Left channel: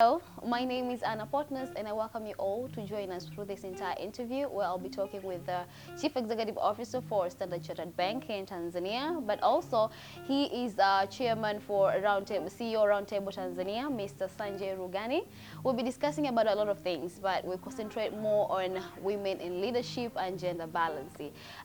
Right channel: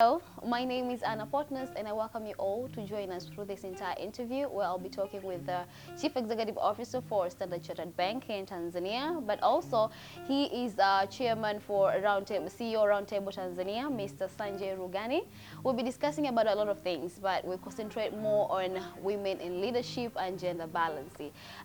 Hello, my name is Anna Potness and I welcome you all to join us through this entire interview where I'll be talking with the Chief Executive Officer for Standard Chartered Bank in Tanzania, but also he is Chairman for Roundtable, CEO Roundtable Tanzania, Mr. Sanjay Rughani. We'll be discussing about a lot of things, but we'll concentrate more on women in leadership and gender balance.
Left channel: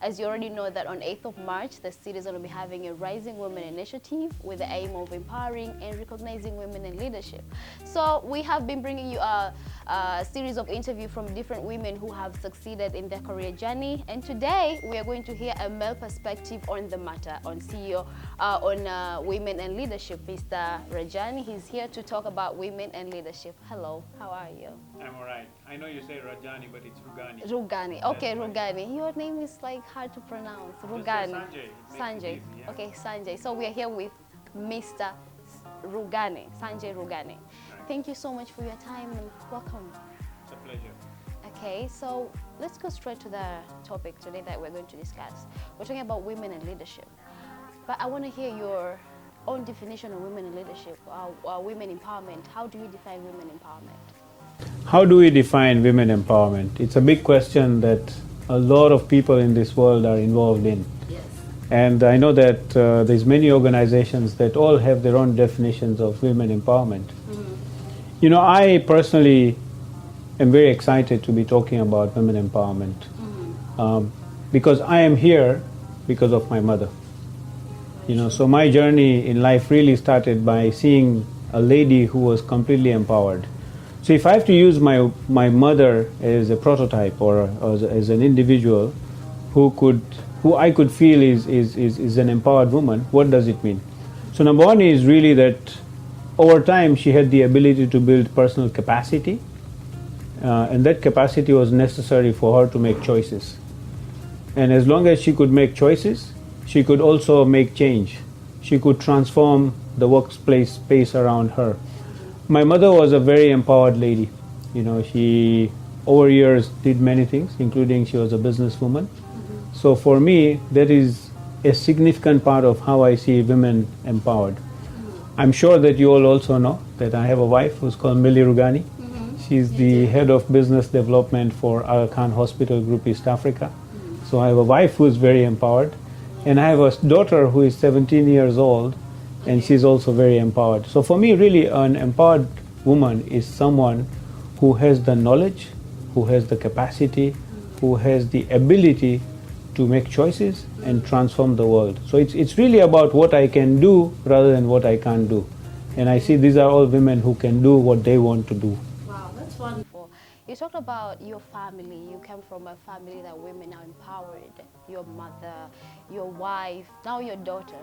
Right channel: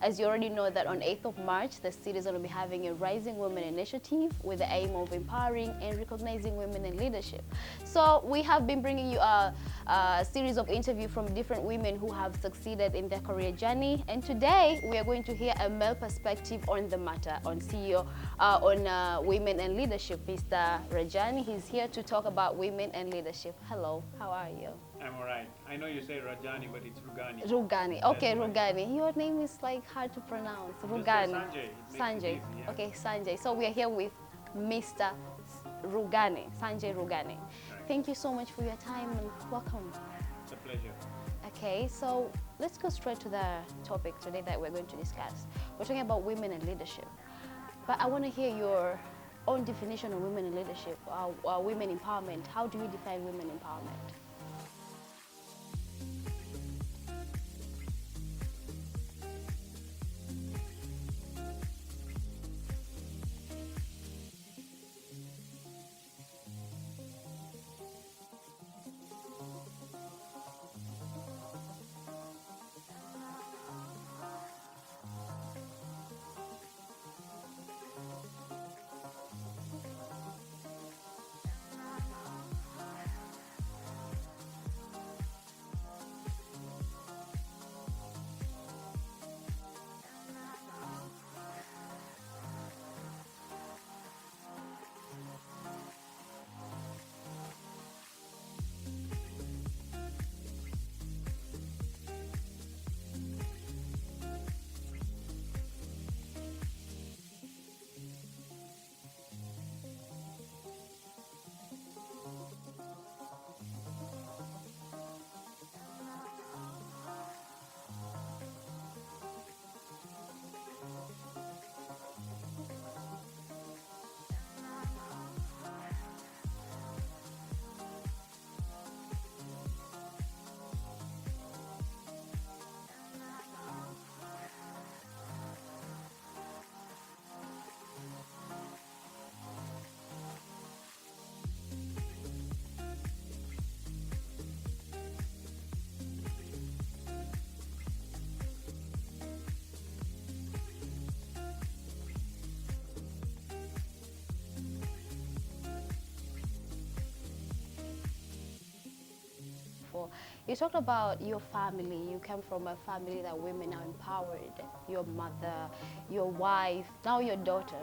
As you already know that on 8th of March, the city is going to be having a Rising Women initiative with the aim of empowering and recognizing women in leadership. So we have been bringing you a series of interviews from different women who have succeeded in their career journey. And today we are going to hear a male perspective on the matter, on CEO, on women and leadership. Mr. Rajani, he's here to talk about women and leadership. Hello, how are you? I'm all right. I know you say Rajani, but it's Rughani. Rughani. Okay, Rughani. Your name is like hard to pronounce. Rughani. Sanjay. Sanjay. Yeah. Okay, Sanjay. So we are here with Mr. Rughani, Sanjay Rughani. Right. Thank you so much for your time and welcome. It's a pleasure. Okay, so let's go straight to the topic today that we're going to discuss. We're talking about women and leadership. But I want to hear your own definition of women in leadership, women empowerment. How do you define women empowerment? How do we define women empowerment? It's a big question that a lot of people in this world are involved in. Yes. And I know that there's many organizations that all have their own definitions of women empowerment. You know, I personally am very excited to be talking about women empowerment because I am here because of my mother. You know, so my journey in life really started by seeing a lady who was completely empowered. So if I have to use my mother as a prototype or as an individual who I could feel is an empowered woman, what does it mean? So number one is really that over time she had the ability to build personal capacity, and that capacity was necessary for her to make choices. And as long as she could make choices, she could also make change. She could transform the workplace space around her. My mother was a very empowered lady. You know, she over years did many things, including she was a businesswoman. So for me, that is a significant part of how I see women empowered. I'm sure that you all also know that I have a wife who's called Millie Rughani. She's the head of business development for Aga Khan Hospital Group East Africa. So I have a wife who's very empowered. And I have a daughter who is 17 years old, and she's also very empowered. So for me, really, an empowered woman is someone who has the knowledge, who has the capacity, who has the ability to make choices and transform the world. So it's really about what I can do rather than what I can't do. And I see these are all women who can do what they want to do. Wow, that's wonderful. You talked about your family. You came from a family that women are empowered. Your mother, your wife, now your daughter.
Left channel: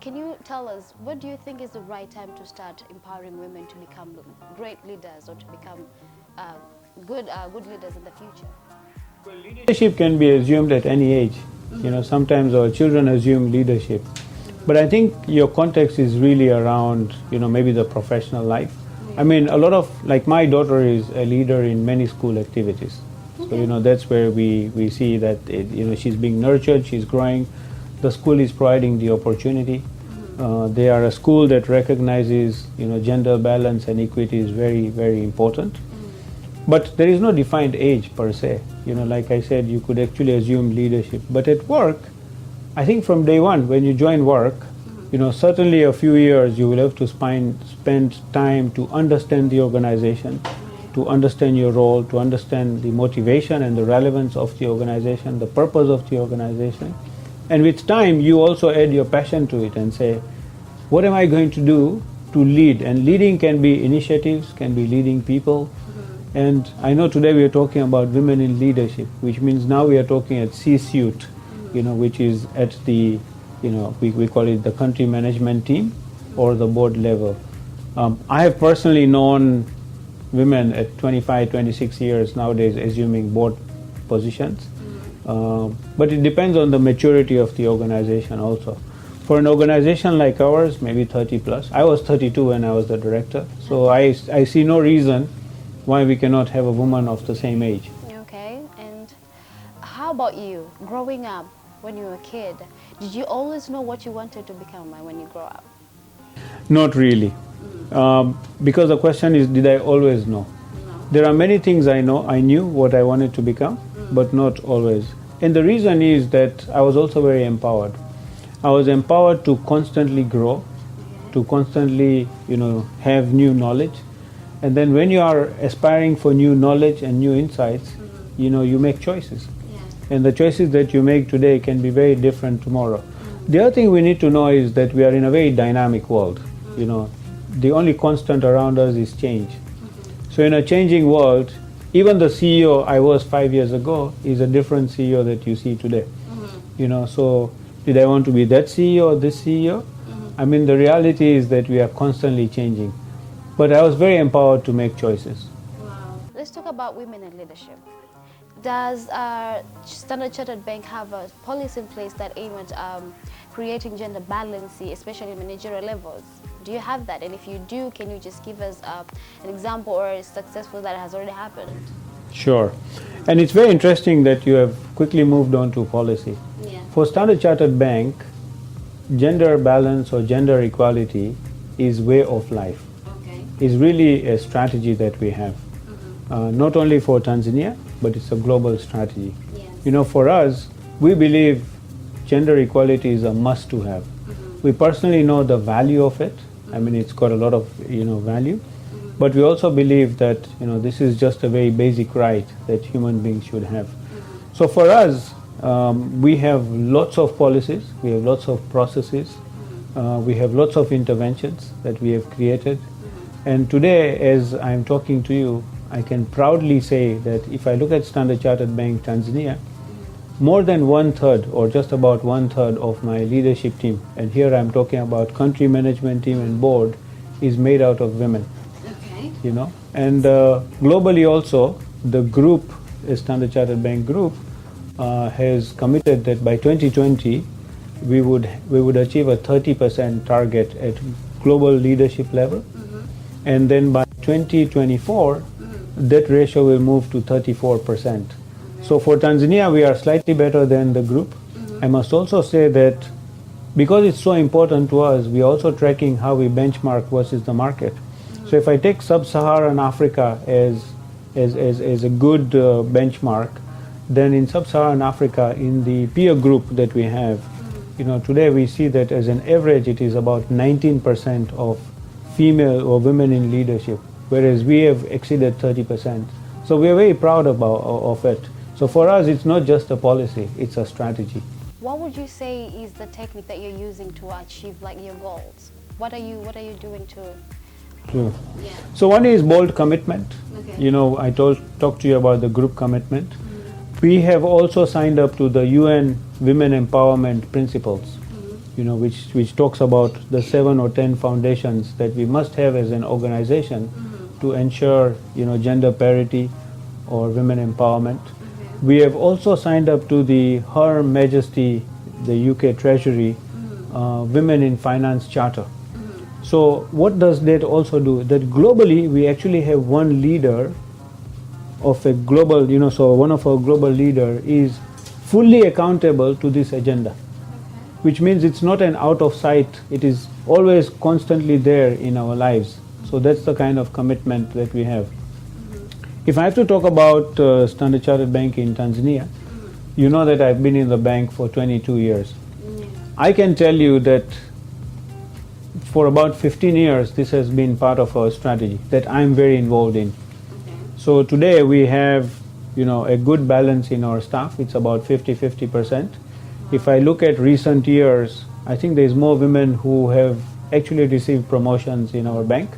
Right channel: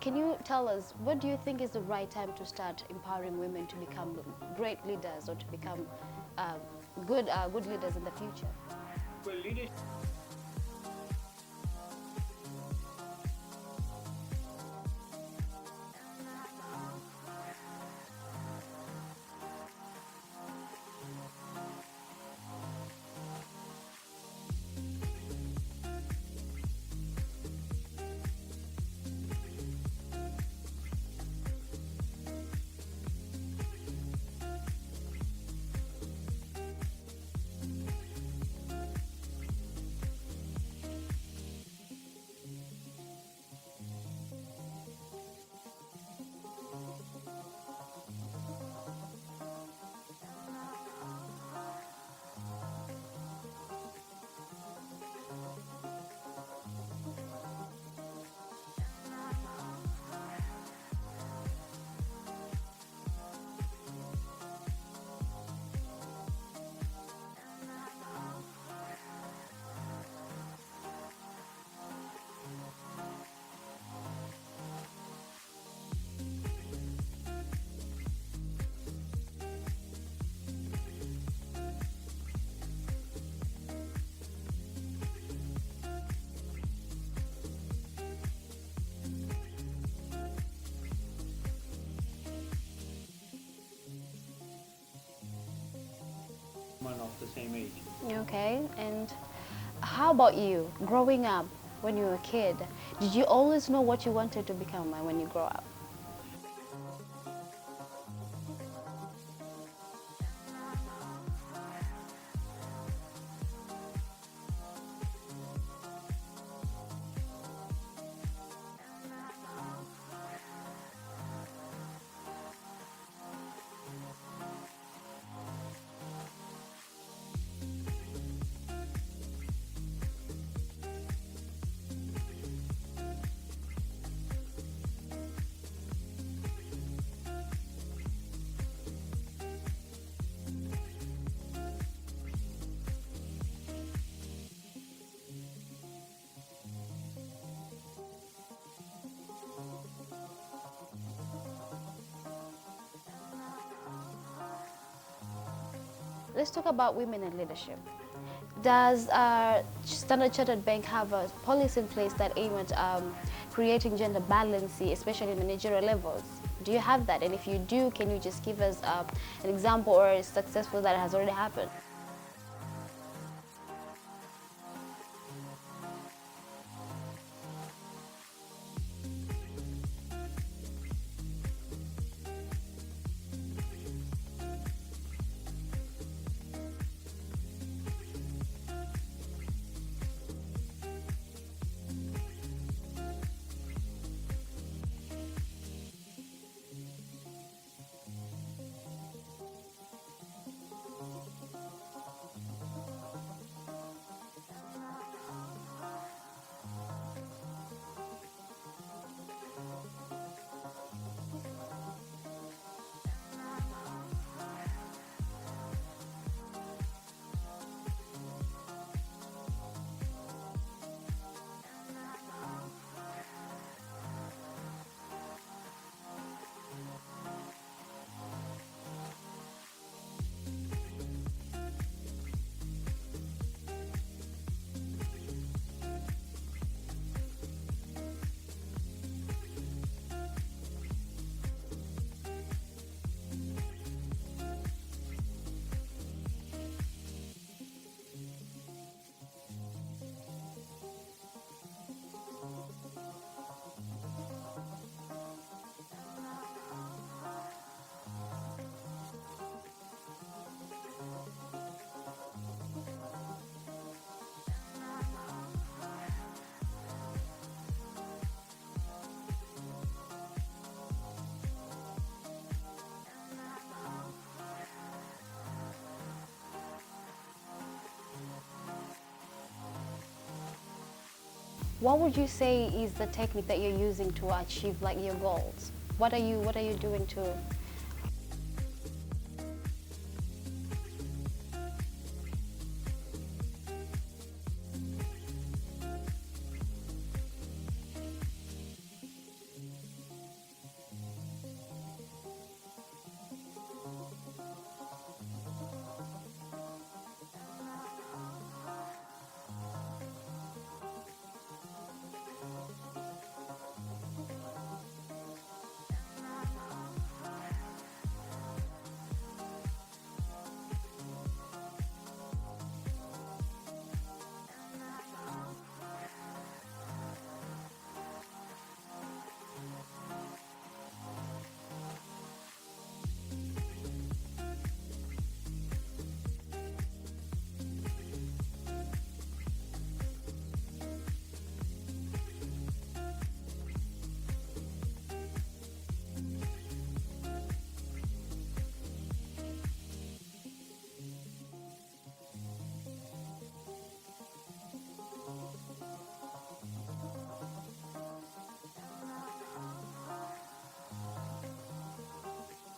Can you tell us, what do you think is the right time to start empowering women to become great leaders or to become good leaders in the future? Well, leadership can be assumed at any age. You know, sometimes our children assume leadership. But I think your context is really around, you know, maybe the professional life. I mean, a lot of, like my daughter is a leader in many school activities. So, you know, that's where we see that, you know, she's being nurtured, she's growing. The school is providing the opportunity. They are a school that recognizes, you know, gender balance and equity is very, very important. But there is no defined age per se. You know, like I said, you could actually assume leadership. But at work, I think from day one, when you join work, you know, certainly a few years you will have to spend time to understand the organization, to understand your role, to understand the motivation and the relevance of the organization, the purpose of the organization. And with time, you also add your passion to it and say, what am I going to do to lead? And leading can be initiatives, can be leading people. And I know today we are talking about women in leadership, which means now we are talking at C-suite, you know, which is at the, you know, we call it the country management team or the board level. I have personally known women at 25, 26 years nowadays assuming board positions. But it depends on the maturity of the organization also. For an organization like ours, maybe 30 plus. I was 32 when I was the director, so I see no reason why we cannot have a woman of the same age. Okay, and how about you? Growing up, when you were a kid, did you always know what you wanted to become when you grow up? Not really. Because the question is, did I always know? There are many things I knew what I wanted to become, but not always. And the reason is that I was also very empowered. I was empowered to constantly grow, to constantly, have new knowledge. And then when you are aspiring for new knowledge and new insights, you make choices. And the choices that you make today can be very different tomorrow. The other thing we need to know is that we are in a very dynamic world. The only constant around us is change. So in a changing world, even the CEO I was 5 years ago is a different CEO that you see today. So did I want to be that CEO or this CEO? I mean, the reality is that we are constantly changing. But I was very empowered to make choices. Wow. Let's talk about women in leadership. Does Standard Chartered Bank have a policy in place that aim at creating gender balance, especially in managerial levels? Do you have that? And if you do, can you just give us an example or a successful that has already happened? Sure. And it's very interesting that you have quickly moved on to policy. Yeah. For Standard Chartered Bank, gender balance or gender equality is way of life. Okay. It's really a strategy that we have. Not only for Tanzania, but it's a global strategy. Yes. For us, we believe gender equality is a must to have. We personally know the value of it. I mean, it's got a lot of, value. But we also believe that, this is just a very basic right that human beings should have. So for us, we have lots of policies, we have lots of processes, we have lots of interventions that we have created. And today, as I'm talking to you, I can proudly say that if I look at Standard Chartered Bank Tanzania, more than 1/3 or just about 1/3 of my leadership team, and here I'm talking about country management team and board, is made out of women. Okay. And globally also, the group, Standard Chartered Bank Group, has committed that by 2020 we would achieve a 30% target at global leadership level, and then by 2024 that ratio will move to 34%. So for Tanzania, we are slightly better than the group. I must also say that because it's so important to us, we are also tracking how we benchmark versus the market. So if I take sub-Saharan Africa as a good benchmark, then in sub-Saharan Africa, in the peer group that we have, today we see that as an average it is about 19% of female or women in leadership, whereas we have exceeded 30%. So we are very proud of it. So for us, it's not just a policy, it's a strategy. What would you say is the technique that you're using to achieve your goals? What are you doing to? Sure. Yeah. So one is bold commitment. Okay. I talked to you about the group commitment. We have also signed up to the UN Women Empowerment Principles, which talks about the 7 or 10 foundations that we must have as an organization to ensure, gender parity or women empowerment. We have also signed up to the Her Majesty, the UK Treasury, Women in Finance Charter. So what does that also do? That globally we actually have one leader of a global, so one of our global leader is fully accountable to this agenda, which means it's not an out of sight, it is always constantly there in our lives. So that's the kind of commitment that we have. If I have to talk about Standard Chartered Bank in Tanzania, you know that I've been in the bank for 22 years. I can tell you that for about 15 years this has been part of our strategy that I'm very involved in. So today we have a good balance in our staff. It's about 50-50%. If I look at recent years, I think there's more women who have actually received promotions in our bank.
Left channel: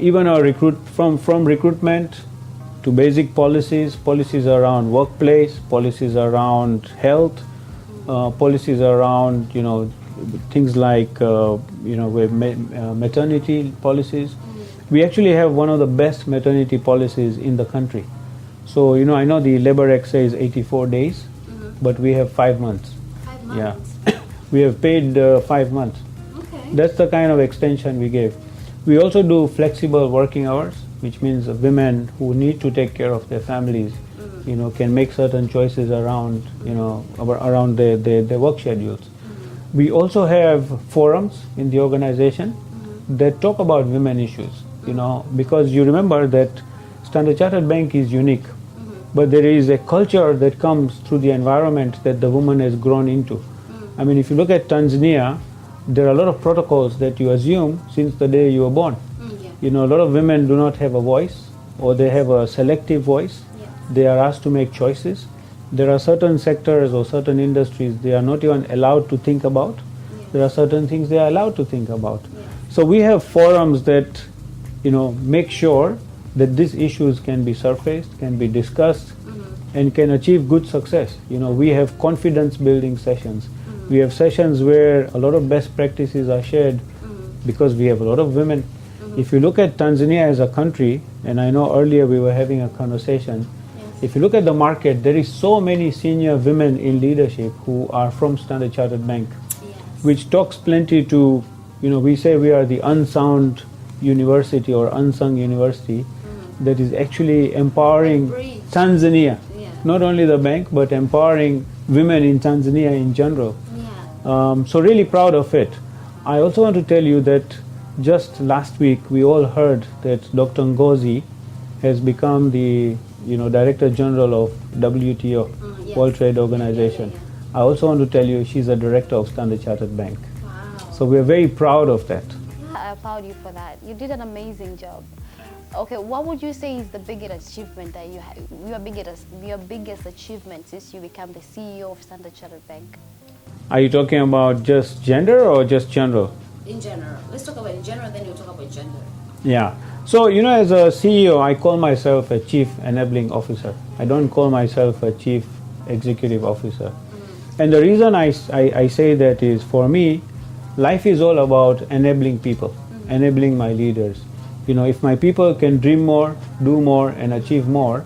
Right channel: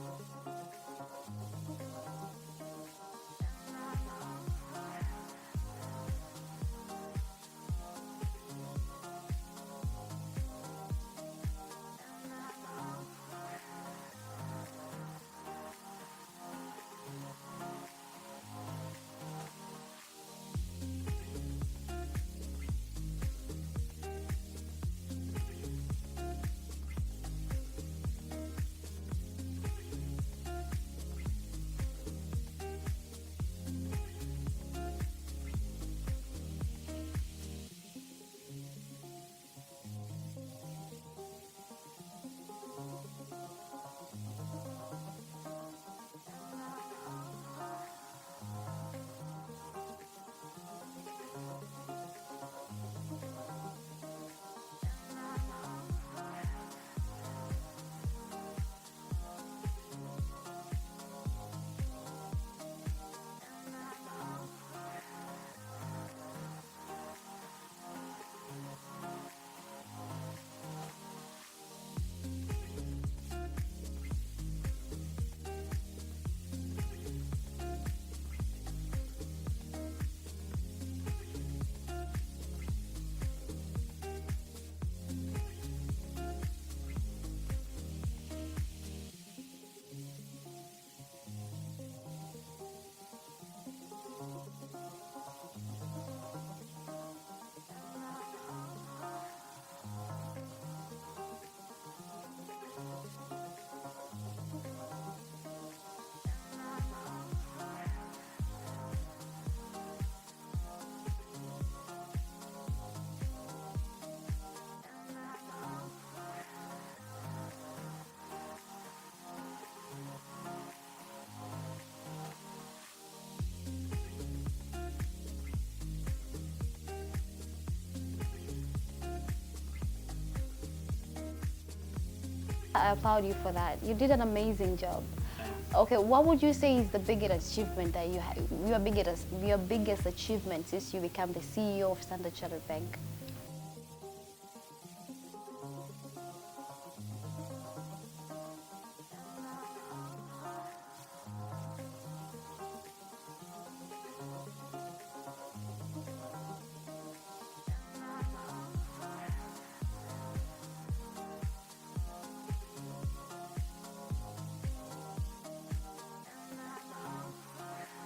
Even our from recruitment to basic policies around workplace, policies around health, policies around things like maternity policies. We actually have one of the best maternity policies in the country. So I know the Labor Act says 84 days, but we have 5 months. 5 months. Yeah, we have paid 5 months. Okay. That's the kind of extension we gave. We also do flexible working hours, which means women who need to take care of their families, can make certain choices around, around their work schedules. We also have forums in the organization that talk about women issues, because you remember that Standard Chartered Bank is unique, but there is a culture that comes through the environment that the woman has grown into. I mean, if you look at Tanzania, there are a lot of protocols that you assume since the day you were born. A lot of women do not have a voice, or they have a selective voice. They are asked to make choices. There are certain sectors or certain industries they are not even allowed to think about. There are certain things they are allowed to think about. So we have forums that, make sure that these issues can be surfaced, can be discussed, and can achieve good success. We have confidence building sessions. We have sessions where a lot of best practices are shared because we have a lot of women. If you look at Tanzania as a country, and I know earlier we were having a conversation, if you look at the market, there is so many senior women in leadership who are from Standard Chartered Bank, which talks plenty to, we say we are the unsound university or unsung university that is actually empowering Tanzania, not only the bank, but empowering women in Tanzania in general. So really proud of it. I also want to tell you that just last week we all heard that Dr. Ngozi has become the Director General of WTO, World Trade Organization. I also want to tell you she's a director of Standard Chartered Bank. Wow. So we're very proud of that. I applaud you for that. You did an amazing job. Okay, what would you say is the biggest achievement that you have, your biggest achievement since you became the CEO of Standard Chartered Bank? Are you talking about just gender or just general? In general. Let's talk about in general, then we'll talk about gender. Yeah. So, as a CEO, I call myself a Chief Enabling Officer. I don't call myself a Chief Executive Officer. And the reason I say that is, for me, life is all about enabling people, enabling my leaders. If my people can dream more, do more, and achieve more,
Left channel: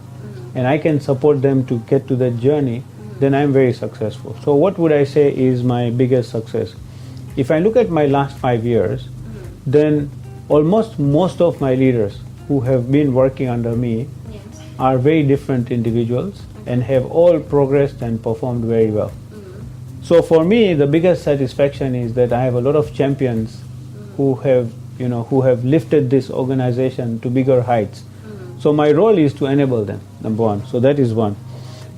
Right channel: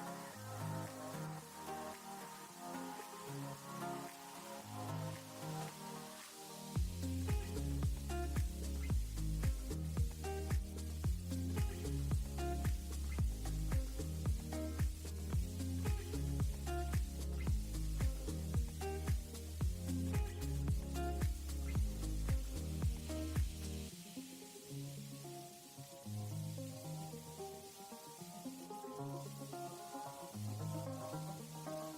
and I can support them to get to that journey, then I'm very successful. So what would I say is my biggest success? If I look at my last 5 years, then almost most of my leaders who have been working under me are very different individuals and have all progressed and performed very well. So for me, the biggest satisfaction is that I have a lot of champions who have lifted this organization to bigger heights. So my role is to enable them, number one. So that is one.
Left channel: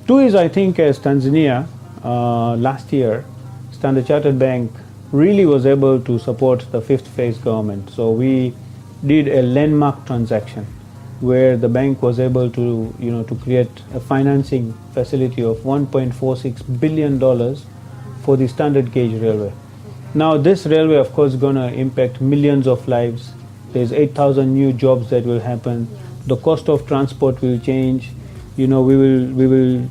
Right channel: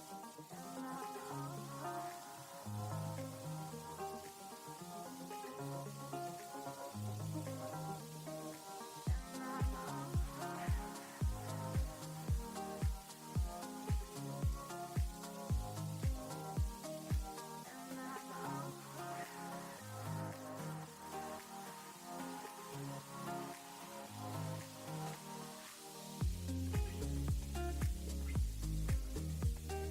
Two is, I think, as Tanzania, last year, Standard Chartered Bank really was able to support the fifth phase government. So we did a landmark transaction where the bank was able to, to create a financing facility of $1.46 billion for the standard gauge railway. Now this railway, of course, is going to impact millions of lives. There's 8,000 new jobs that will happen. The cost of transport will change. We will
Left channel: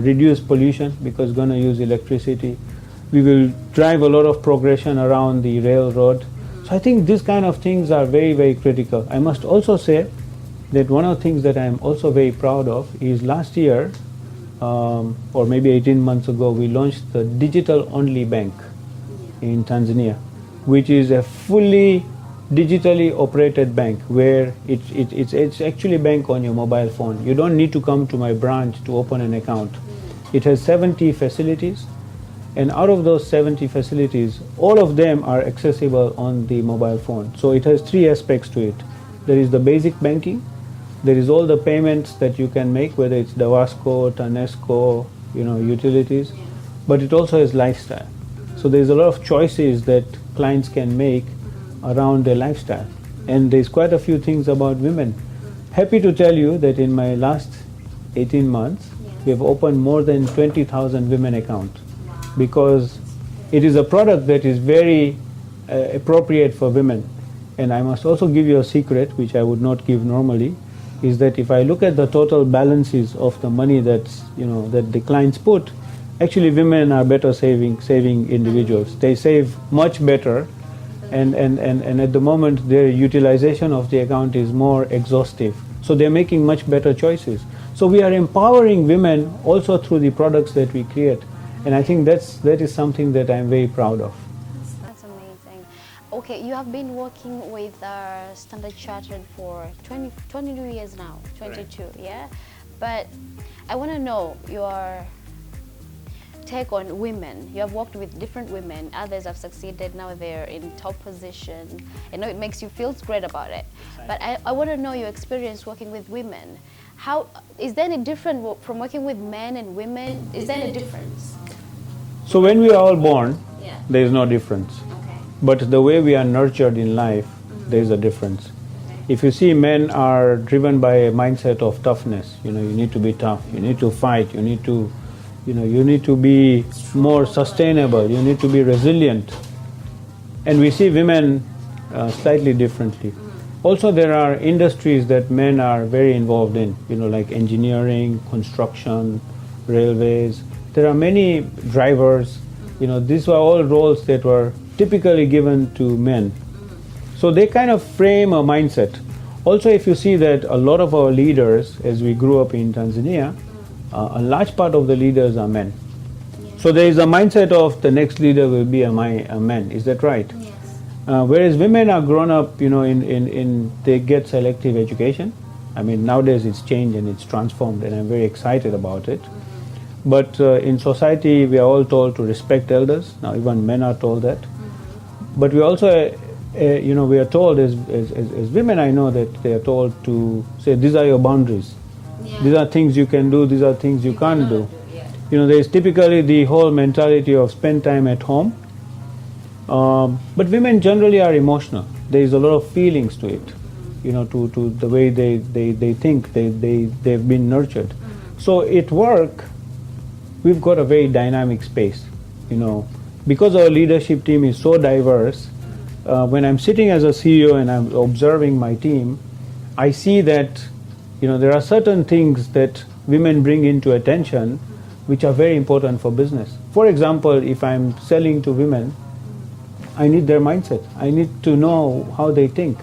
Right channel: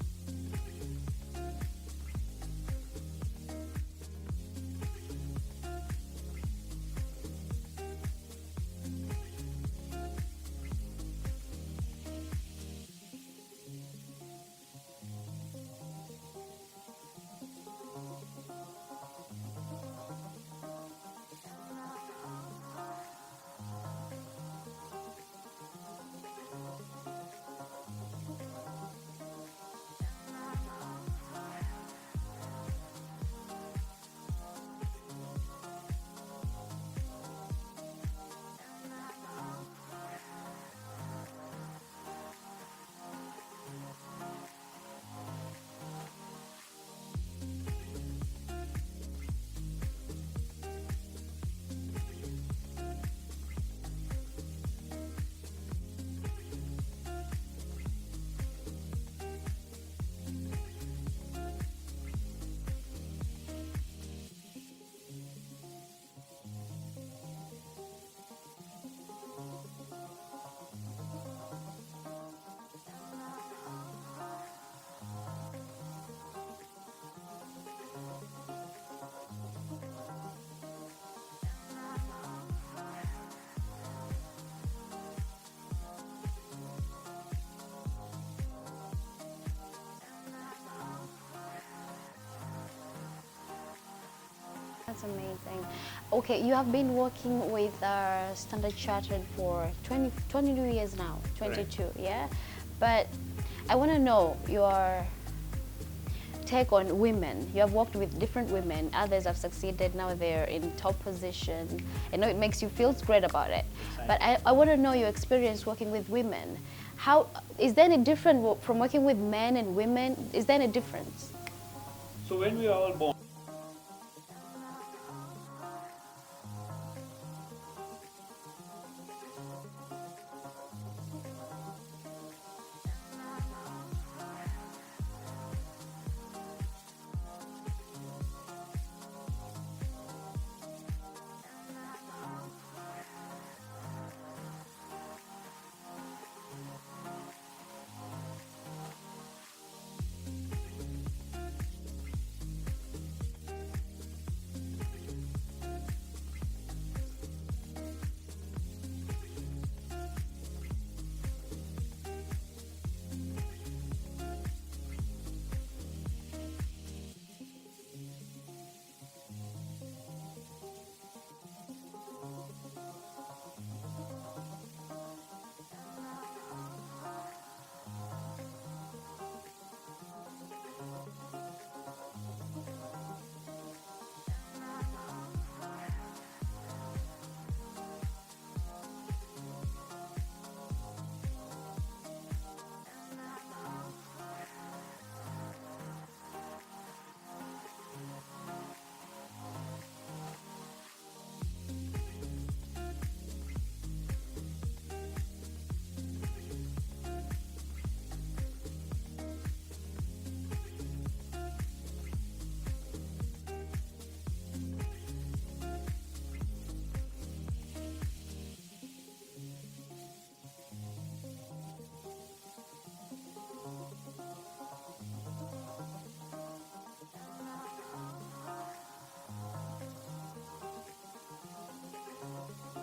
reduce pollution because it's going to use electricity. We will drive a lot of progression around the railroad. So I think these kind of things are very, very critical. I must also say that one of the things that I'm also very proud of is last year, or maybe 18 months ago, we launched the digital-only bank in Tanzania, which is a fully digitally operated bank where it's actually a bank on your mobile phone. You don't need to come to my branch to open an account. It has 70 facilities, and out of those 70 facilities, all of them are accessible on the mobile phone. So it has three aspects to it. There is the basic banking, there is all the payments that you can make, whether it's Dawasco, Tanesco, utilities, but it also has lifestyle. So there's a lot of choices that clients can make around their lifestyle. And there's quite a few things about women. Happy to tell you that in my last 18 months, we have opened more than 20,000 women accounts because it is a product that is very appropriate for women. And I must also give you a secret, which I would not give normally, is that if I look at the total balances of the money that the clients put, actually women are better saving individuals. They save much better, and at the moment their utilization of the account is more exhaustive. So they're making much better choices. So we are empowering women also through the products that we create. And I think that is something that I'm very proud of. That's amazing. Okay, you have been working with Standard Chartered for 22 years now, 22, right. Yeah? But I want to know take on women? You have worked with different women. Others have succeeded. Now they're in top position. I know it makes you feel great about it. But I want to know your experience working with women. How is there any different from working with men and women? Is there any difference? So when we are all born, Yeah. there is no difference. Okay. But the way we are nurtured in life, there is a difference. If you see, men are driven by a mindset of toughness. You need to be tough. You need to fight. You need to be more sustainable. You need to be resilient. And we see women slightly differently. Also, there are industries that men are very involved in. Like engineering, construction, railways. There are many drivers. These were all roles that were typically given to men. So they kind of frame a mindset. Also, if you see that a lot of our leaders, as we grew up in Tanzania, a large part of the leaders are men. So there is a mindset of the next leader will be a man. Is that right? Yes. Whereas women are grown up, they get selective education. I mean, nowadays it's changed and it's transformed, and I'm very excited about it. But in society, we are all told to respect elders. Now, even men are told that. But we also we are told as women, I know that they are told to say, these are your boundaries. Yeah. These are things you can do, these are things you can't do. Yeah. There is typically the whole mentality of spend time at home. But women generally are emotional. There is a lot of feelings to it, to the way they think, they've been nurtured. So at work, we've got a very dynamic space, because our leadership team is so diverse. When I'm sitting as a CEO and I'm observing my team, I see that there are certain things that women bring into attention which are very important for business. For example, if I'm selling to women, I need their mindset. I need to know how they think.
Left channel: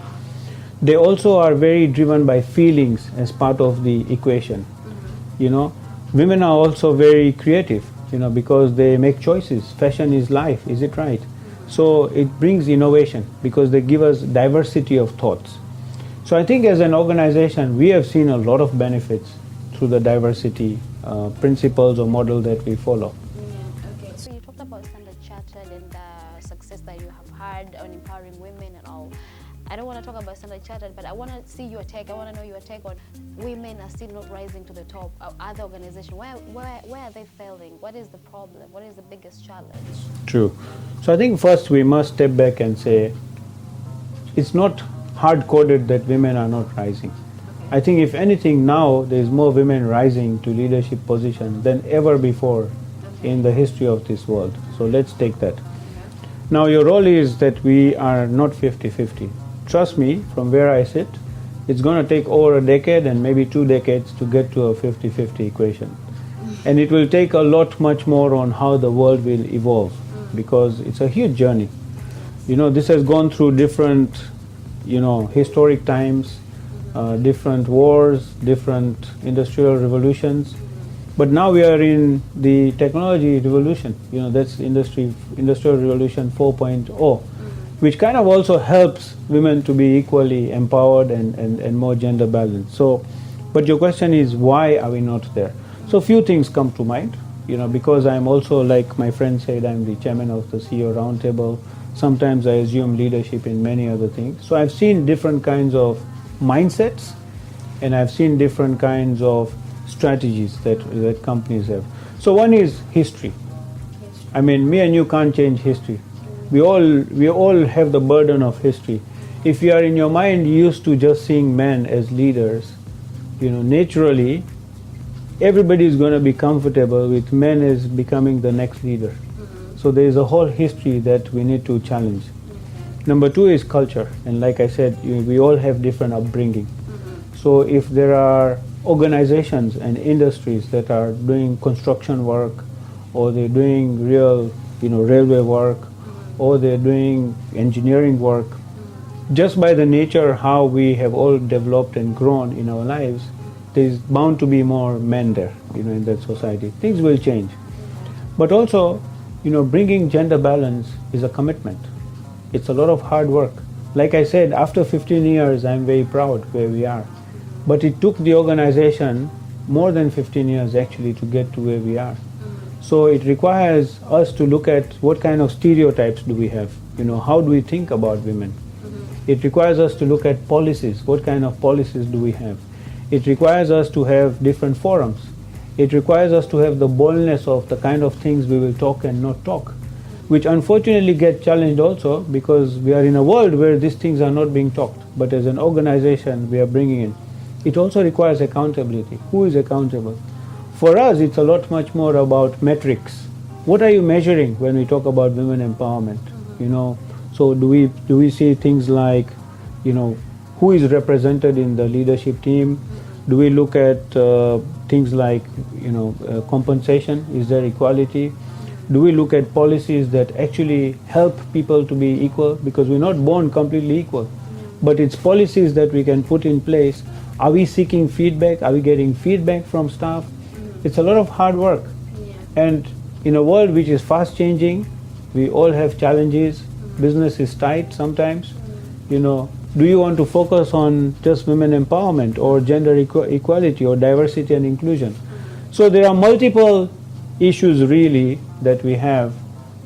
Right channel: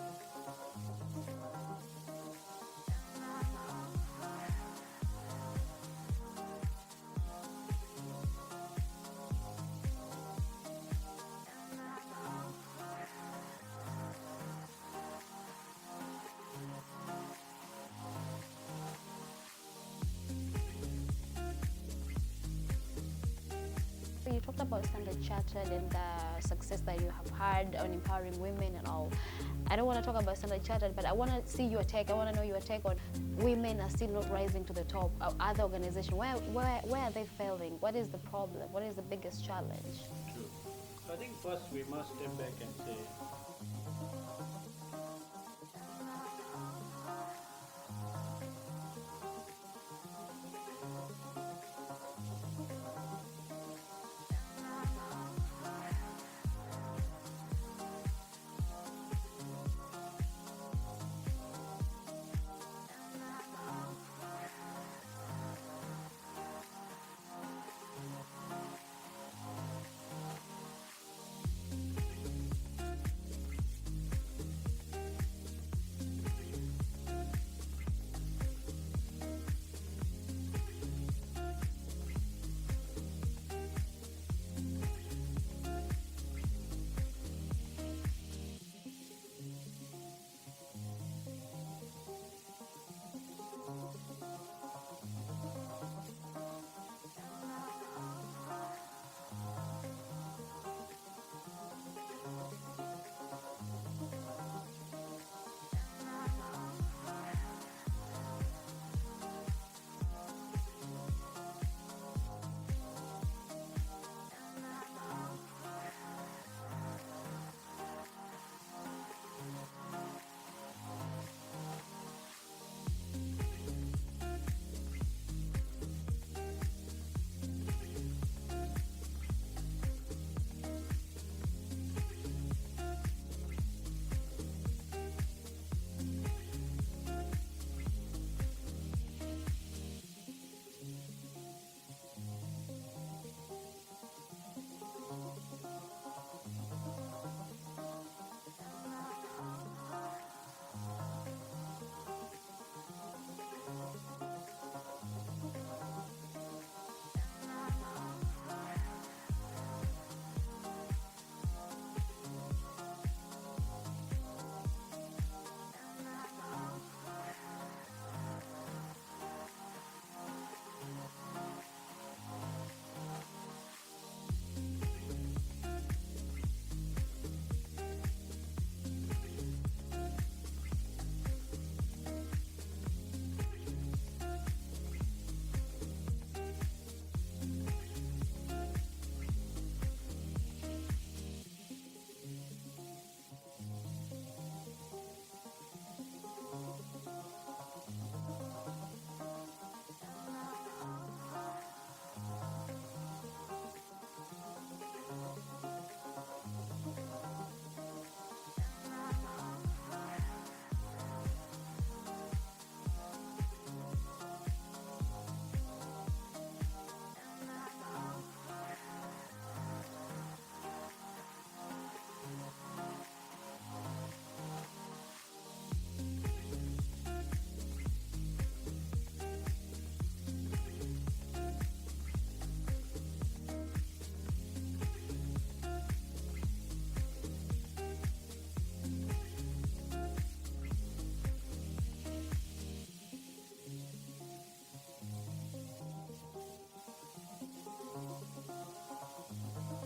They also are very driven by feelings as part of the equation. Women are also very creative, because they make choices. Fashion is life, is it right? So it brings innovation because they give us diversity of thoughts. So I think as an organization, we have seen a lot of benefits through the diversity principles or model that we follow. Okay. So you talked about Standard Chartered and the success that you have had on empowering women and all. I don't want to talk about Standard Chartered, but I want to see your take. I want to know your take on women are still not rising to the top. Other organizations, where are they failing? What is the problem? What is the biggest challenge? True. So I think first we must step back and say it's not hard-coded that women are not rising. I think if anything now there's more women rising to leadership positions than ever before in the history of this world. So let's take that. Now your role is that we are not 50-50. Trust me, from where I sit, it's going to take over a decade and maybe 2 decades to get to a 50-50 equation. And it will take a lot much more on how the world will evolve, because it's a huge journey. This has gone through different, historic times, different wars, different industrial revolutions. But now we are in the technology revolution, that's industrial revolution 4.0, which kind of also helps women to be equally empowered and more gender balanced. So, but your question is, why are we not there? So a few things come to mind, because I'm also, like my friend said, I'm the chairman of the CEO Roundtable. Sometimes I assume leadership in many other things. So I've seen different kinds of mindsets, and I've seen different kinds of strategies that companies have. So one is history. I mean, me and you can't change history. We all have the burden of history. If you are in your mind used to just seeing men as leaders, naturally, everybody is going to be comfortable with men as becoming the next leader. So there is a whole history that we need to challenge. Number two is culture. And like I said, we all have different upbringing. So if there are organizations and industries that are doing construction work, or they're doing real, railway work, or they're doing engineering work, just by the nature how we have all developed and grown in our lives, there's bound to be more men there, in that society. Things will change. But also, bringing gender balance is a commitment. It's a lot of hard work. Like I said, after 15 years, I'm very proud where we are. But it took the organization more than 15 years actually to get to where we are. So it requires us to look at what kind of stereotypes do we have, how do we think about women. It requires us to look at policies, what kind of policies do we have. It requires us to have different forums. It requires us to have the boldness of the kind of things we will talk and not talk, which unfortunately get challenged also because we are in a world where these things are not being talked. But as an organization, we are bringing in. It also requires accountability. Who is accountable? For us, it's a lot much more about metrics. What are you measuring when we talk about women empowerment? So do we see things like, who is represented in the leadership team? Do we look at things like, compensation? Is there equality? Do we look at policies that actually help people to be equal? Because we're not born completely equal, but it's policies that we can put in place. Are we seeking feedback? Are we getting feedback from staff? It's a lot of hard work. And in a world which is fast changing, we all have challenges. Business is tight sometimes. Do you want to focus on just women empowerment or gender equality or diversity and inclusion? So there are multiple issues really that we have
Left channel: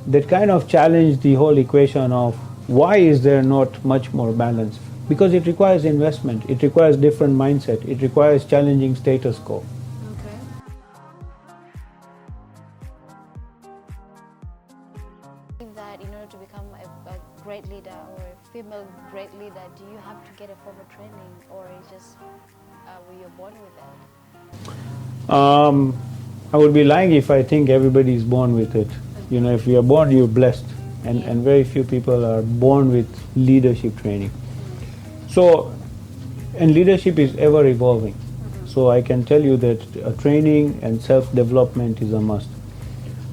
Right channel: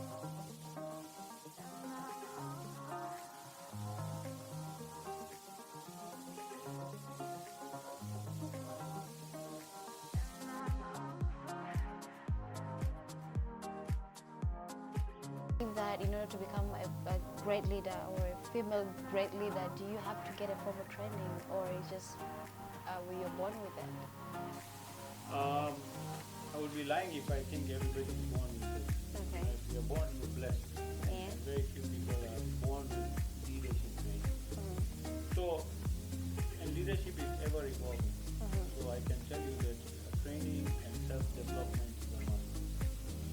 that kind of challenge the whole equation of why is there not much more balance? Because it requires investment, it requires different mindset, it requires challenging status quo. That in order to become a great leader or a female great leader, do you have to get a formal training, or is just were you born with it? I would be lying if I think everybody is born with it. Okay. If you are born, you're blessed, and very few people are born with leadership training. So, and leadership is ever evolving. So I can tell you that training and self-development is a must.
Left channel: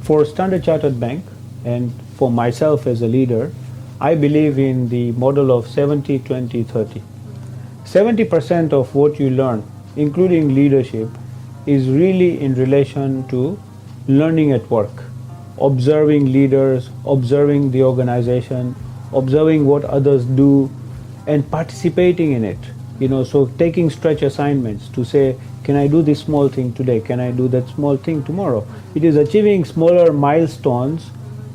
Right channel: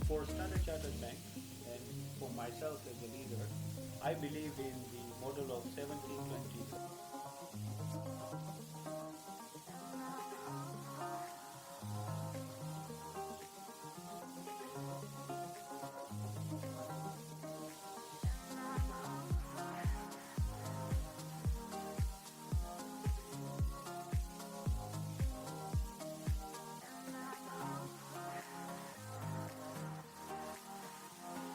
For Standard Chartered Bank, and for myself as a leader, I believe in the model of 70-20-30. 70% of what you learn, including leadership, is really in relation to learning at work, observing leaders, observing the organization, observing what others do, and participating in it. So taking stretch assignments to say, can I do this small thing today? Can I do that small thing tomorrow? It is achieving smaller milestones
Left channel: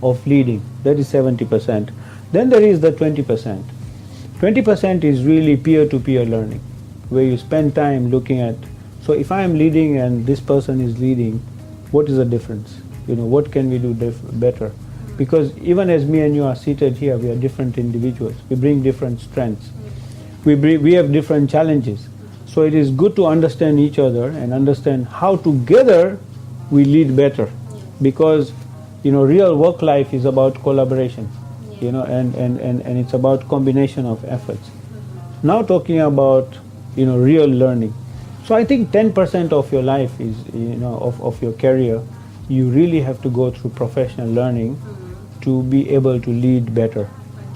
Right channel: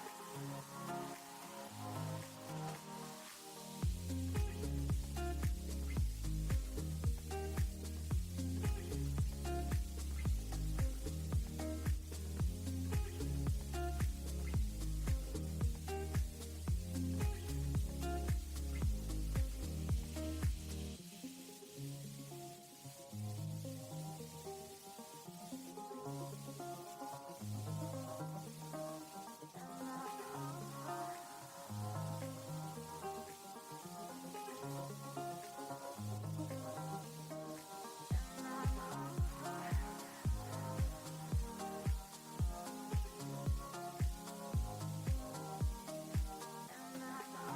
of leading. That is 70%. Then there is the 20%. 20% is really peer-to-peer learning, where you spend time looking at, so if I am leading and this person is leading, what is the difference? What can we do better? Because even as me and you are seated here, we are different individuals. We bring different strengths. We have different challenges. So it is good to understand each other and understand how together we lead better. Because real work life is about collaboration, and it's about combination of efforts. Now talking about, real learning. So I think 10% of your life is, of your career, you really have to go through professional learning to be able to lead better.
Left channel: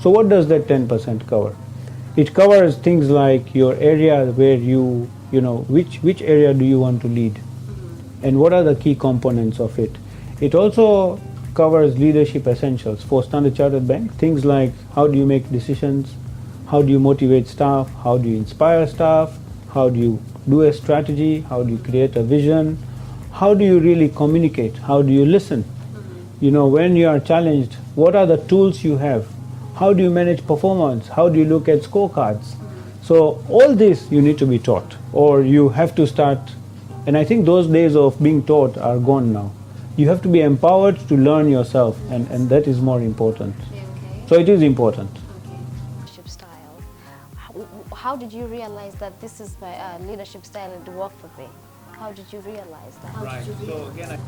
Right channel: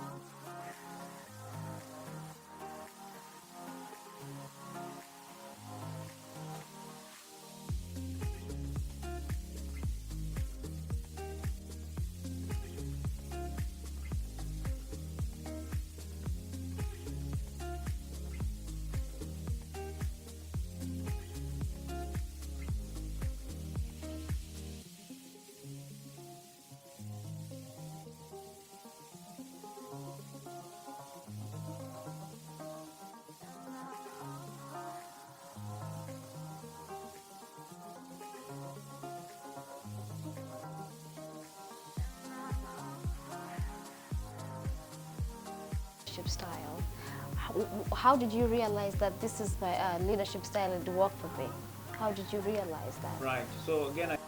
So what does that 10% cover? It covers things like your area where which area do you want to lead? And what are the key components of it? It also covers leadership essentials for Standard Chartered Bank. Things like how do you make decisions, how do you motivate staff, how do you inspire staff, how do you do a strategy, how do you create a vision, how do you really communicate, how do you listen? When you are challenged, what are the tools you have? How do you manage performance? How do you look at scorecards? So all this you need to be taught, or you have to start, and I think those days of being taught are gone now. You have to be empowered to learn yourself, and that is more important. So it is important. Leadership style. How did you realize that this is my leadership style and to work for me? How did you realize that?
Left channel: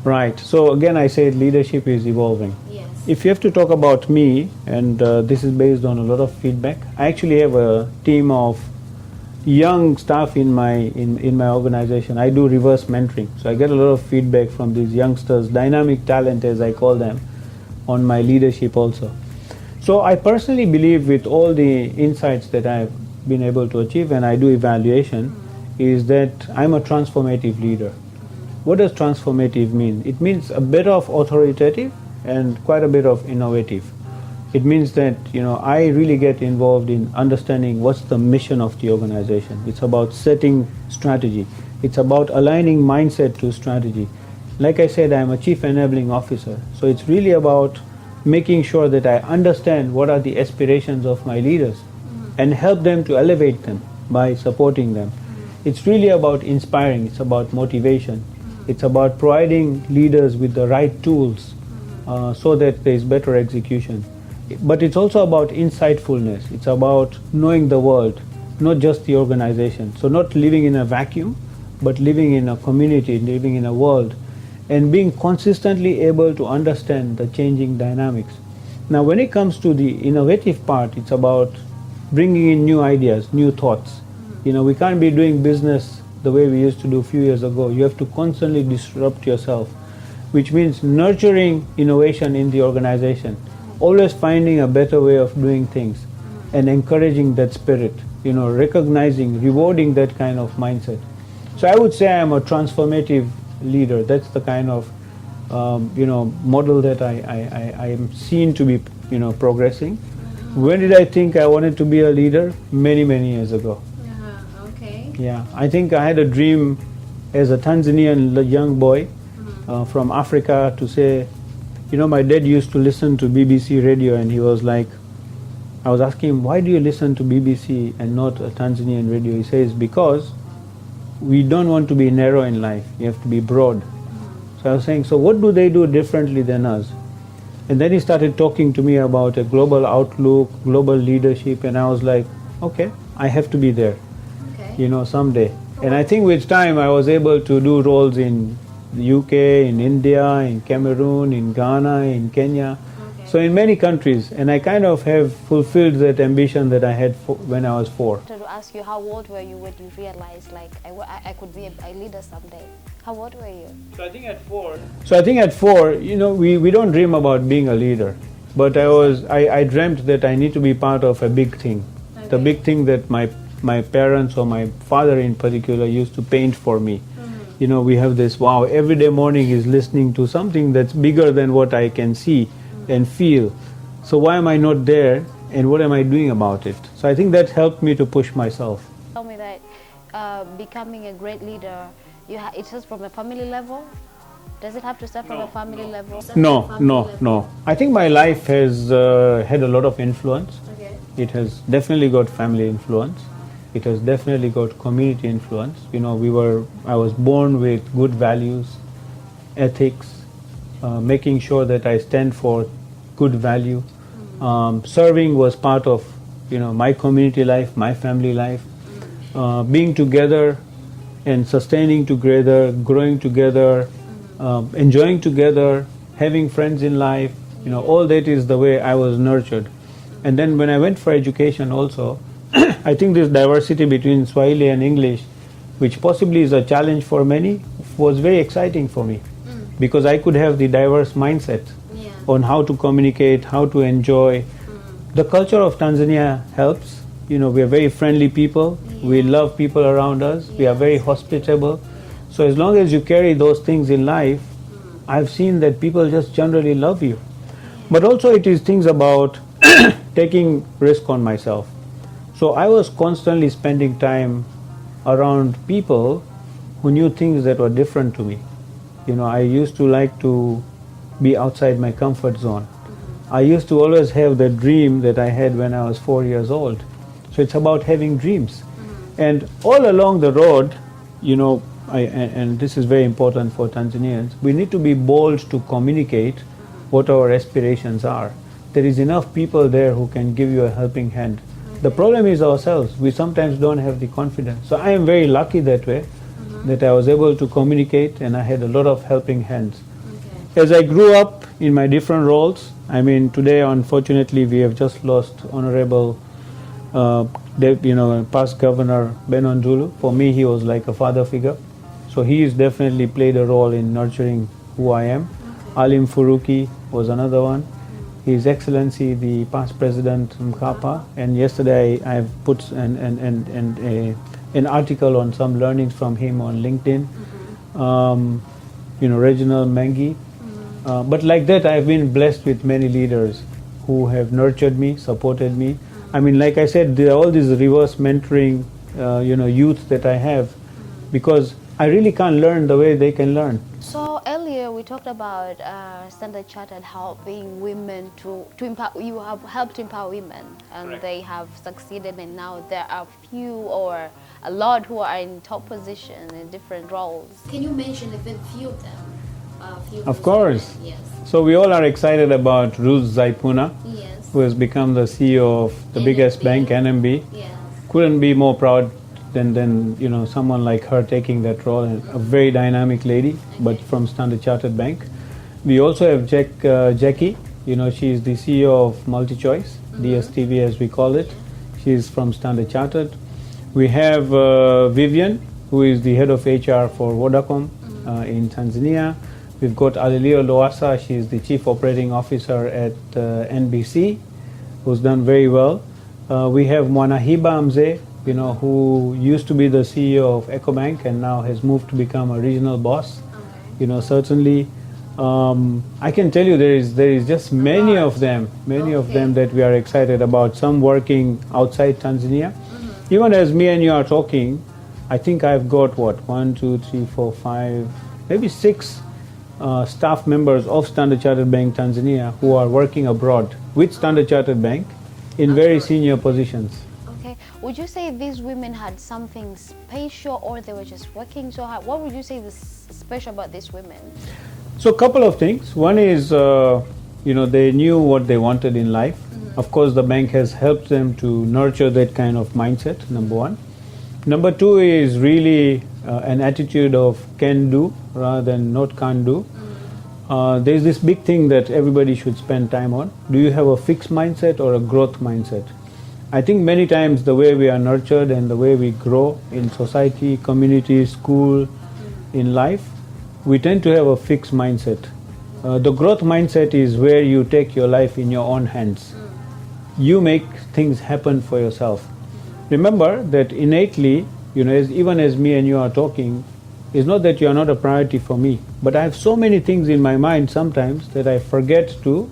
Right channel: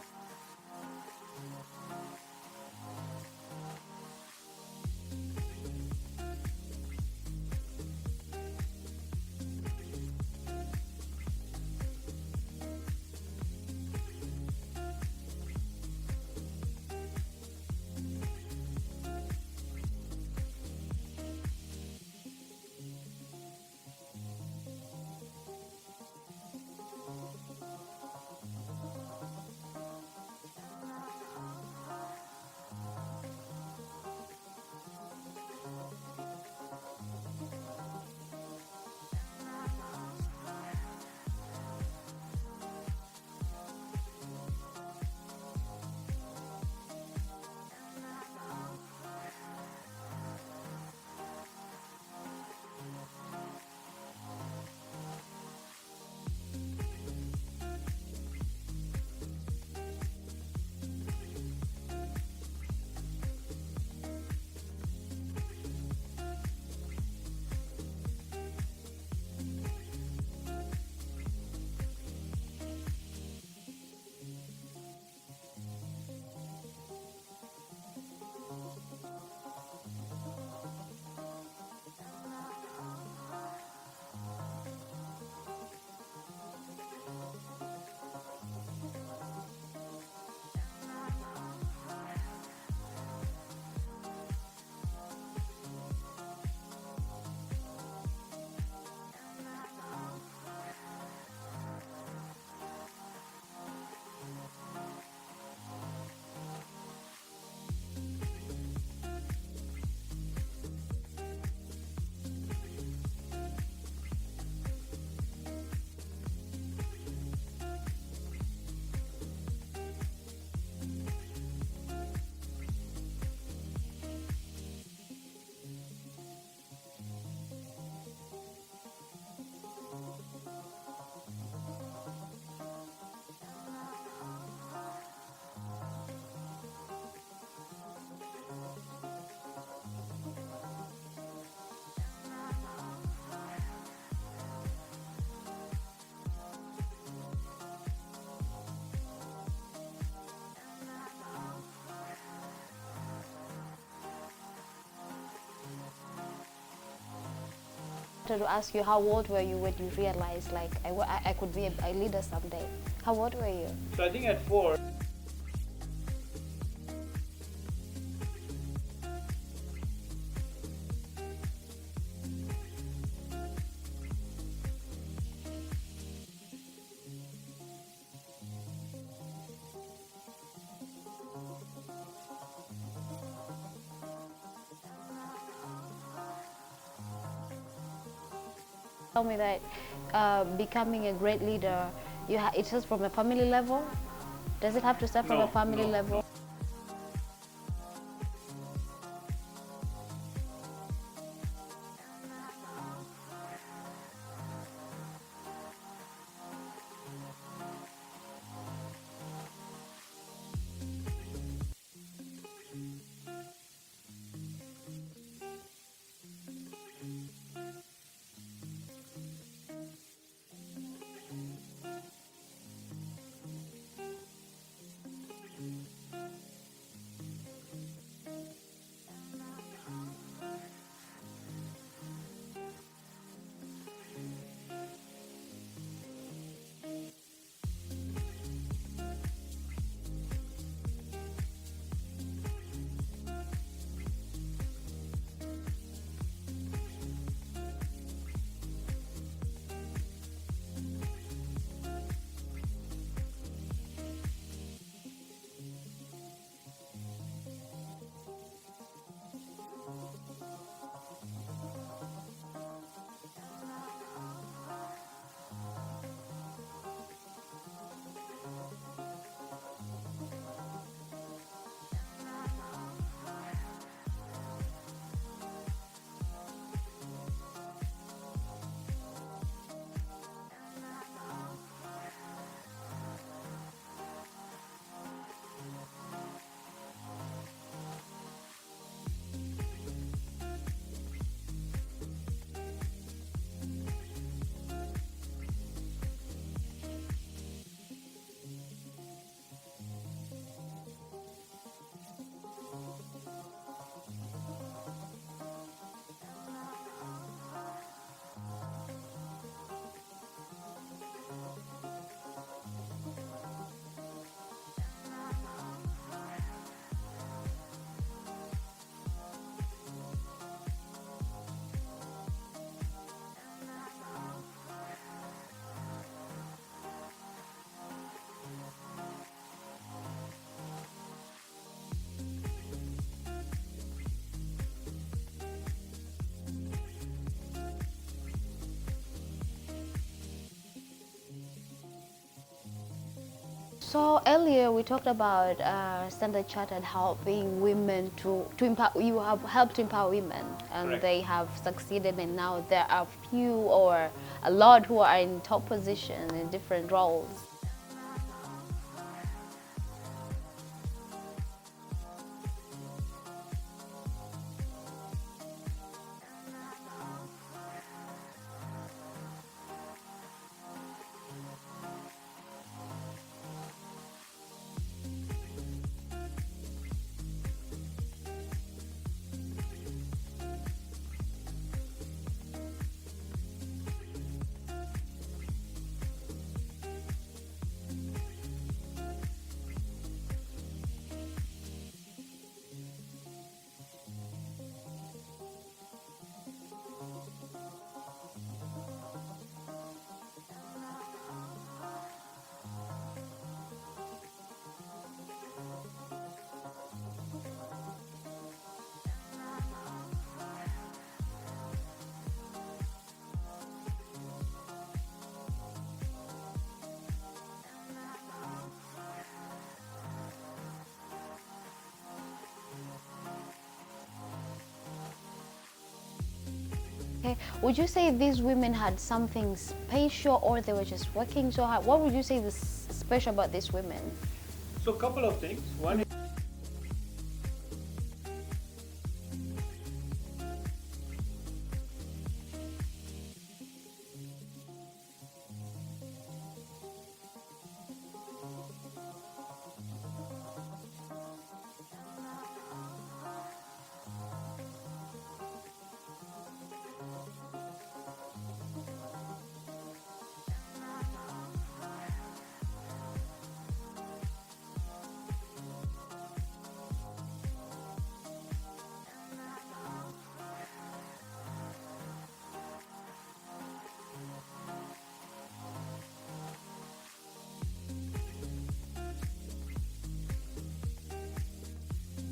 Right. So again, I said leadership is evolving. Yes. If you have to talk about me, and this is based on a lot of feedback, I actually have a team of young staff in my organization. I do reverse mentoring, so I get a lot of feedback from these youngsters, dynamic talent as I call them, on my leadership also. So I personally believe, with all the insights that I've been able to achieve, and I do evaluation, is that I'm a transformative leader. What does transformative mean? It means a bit of authoritative and quite a bit of innovative. It means that I really get involved in understanding what's the mission of the organization. It's about setting strategy. It's about aligning mindset to strategy. Like I said, I'm a chief enabling officer. So it's really about making sure that I understand what are the aspirations of my leaders and help them to elevate them by supporting them. It's really about inspiring, it's about motivation, it's about providing leaders with the right tools so that there is better execution. But it's also about insightfulness, it's about knowing the world, not just the organization. So not living in a vacuum, but living in a community, living in a world, and being consistently able to understand the changing dynamics. Now when it comes to the innovative part, it's about bringing in new ideas, new thoughts. We can't be doing business the way we used to do a few years ago. You have to constantly disrupt yourself, which means nurturing innovation in the organization, always finding a better way of doing things and encouraging that spirit, recognizing, rewarding that kind of mindset. So I would say I'm a transformative leader. That's the kind of model that I am seen to be progressing. When did I think I wanted to be a leader? Many years ago. Okay. Yeah, I think I had a dream as a Tanzanian young boy from Africa to say, my dad used to listen to BBC radio, and he was like, I was asking him, why do you listen to BBC and not a Tanzanian radio? He says, because we don't want to be narrow in life, you have to be broad. So I was saying, so what do they do differently than us? And then he started talking to me about a global outlook, global leadership, and I was like, okay, I have to be there, someday. And I think with time I was able to do roles in the UK, in India, in Cameroon, in Ghana, in Kenya, so in many countries, and I kind of have fulfilled that ambition that I had when I was 4. I wanted to ask you, how old were you when you realized I could be a leader someday? How old were you? So I think at 4, we don't dream about being a leader, but I dreamt that I need to be part of a big thing. Okay. The big thing that my parents or my father in particular used to paint for me. We have this, wow, every day morning is listening to something that's bigger than what I can see and feel. So why am I not there, and what am I doing about it? So I think that helped me to push myself. Tell me that becoming a great leader, it's just from a family level? Does it have to start from a family level? No. I think my life has had a lot of influence. Okay. It has definitely got family influence. It has definitely got community influence. I was born with good values, ethics, making sure that I stand for good value. Serving was part of, my community life, my family life. Being together and sustaining together, growing together, enjoying together, having friends in life, all that is the way I was nurtured. And then when I went for education also, I think this diversity between Swahili and English, which possibly is a challenge for many, was very exciting for me. Because I could have the diverse mindset on how to communicate, how to enjoy. The culture of Tanzania helps. We are very friendly people. We love people around us. We are very hospitable. So as long as you carry those things in life, I've seen that people just generally love you. But also it is things about taking risk on myself. So I was constantly spending time around people who knew things that were different to me. I used to like to be outside my comfort zone. I used to always have the dream that I had when I was 4 years old. So it's about having dreams. And all along the road, and this is very important for Tanzanians, we need to be bold to communicate what our aspirations are. There is enough people there who can give you a helping hand. The problem is ourselves. We sometimes don't have the confidence. So I am very lucky that way, that I was able to communicate, and I had a lot of helping hands. Okay. As I grew up in my different roles, today unfortunately we have just lost Honorable past Governor Ben Ondulu. For me he was like a father figure. So he has definitely played a role in nurturing who I am. Alim Furuki was another one. His Excellency the past President Mkapa, and yesterday I have put an article on some learnings from him on LinkedIn. Reginald Mengi. But like that, I've been blessed with many leaders who have nurtured me, supported me. Like I said, there are all these reverse mentoring, youth that I have, because I really can't learn the way they can learn. So earlier we talked about Standard Chartered helping women to empower. You have helped to empower women, and Correct. they have succeeded. And now there are few or a lot who are in top position in different roles. Can you mention a few of them? Of course. Yes. So we all are excited about Ruth Zaipuna, Yes. who has become the CEO of the biggest NMB. bank, NMB. Yes. Couldn't be more proud than someone like her taking that role, and a very dynamic lady, but from Standard Chartered Bank. We also have Jackie. She is the CEO of MultiChoice, DSTV as we call it. She is from Standard Chartered. We have Vivian, who is the head of HR for Vodacom in Tanzania. We've got Alilio Loasa. She is the chief operating officer at NBC, who's done very well. We have Mwanahiba Mzee, who used to be the CEO of EcoBank and now has moved to become a regional boss. Certainly, I can tell you there is just many of them that we are excited about. Some working outside Tanzania. Even as me and you are talking, I think I've got 1, 2, 3, 4, 5, maybe 6 staff members of Standard Chartered Bank Tanzania who are working abroad with Standard Chartered Bank in very senior positions. Okay. Would you say these women had something special, or they were just working so hard? What would you say is special about these women? So a couple of things. One is, they knew what they wanted in life. Of course, the bank has helped them to nurture that kind of mindset, number one. Number two is really an attitude of can do rather than not can't do. There's this big thing that everybody should spend time on. Do you have a fixed mindset or a growth mindset? I think many times the way we are nurtured and the way we grow in society, community, school, in life, we tend to have a fixed mindset. The growth mindset is where you take your life in your own hands. You make things happen for yourself. Remember that innately, even as me and you are talking, it's not that you are not a priority for me, but I have so many things in my mind sometimes that I forget to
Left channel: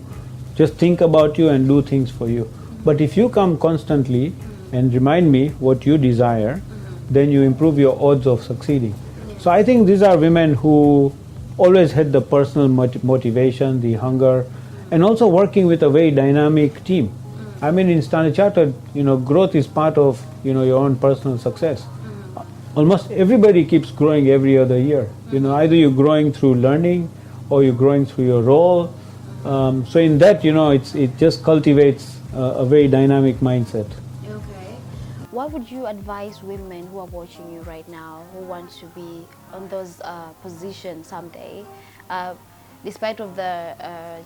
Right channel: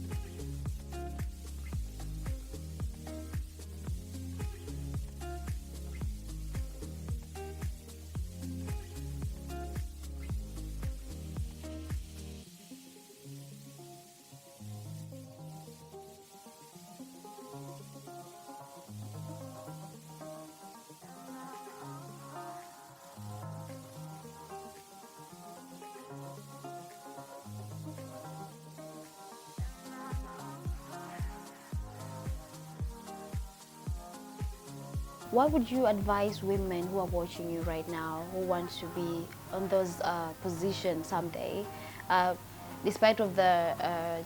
just think about you and do things for you. But if you come constantly and remind me what you desire, then you improve your odds of succeeding. So I think these are women who always had the personal motivation, the hunger, and also working with a very dynamic team. I mean, in Standard Chartered, growth is part of, your own personal success. Almost everybody keeps growing every other year. Either you're growing through learning or you're growing through your role. So in that, it just cultivates a very dynamic mindset. Okay. What would you advise women who are watching you right now, who want to be on those positions someday, despite of the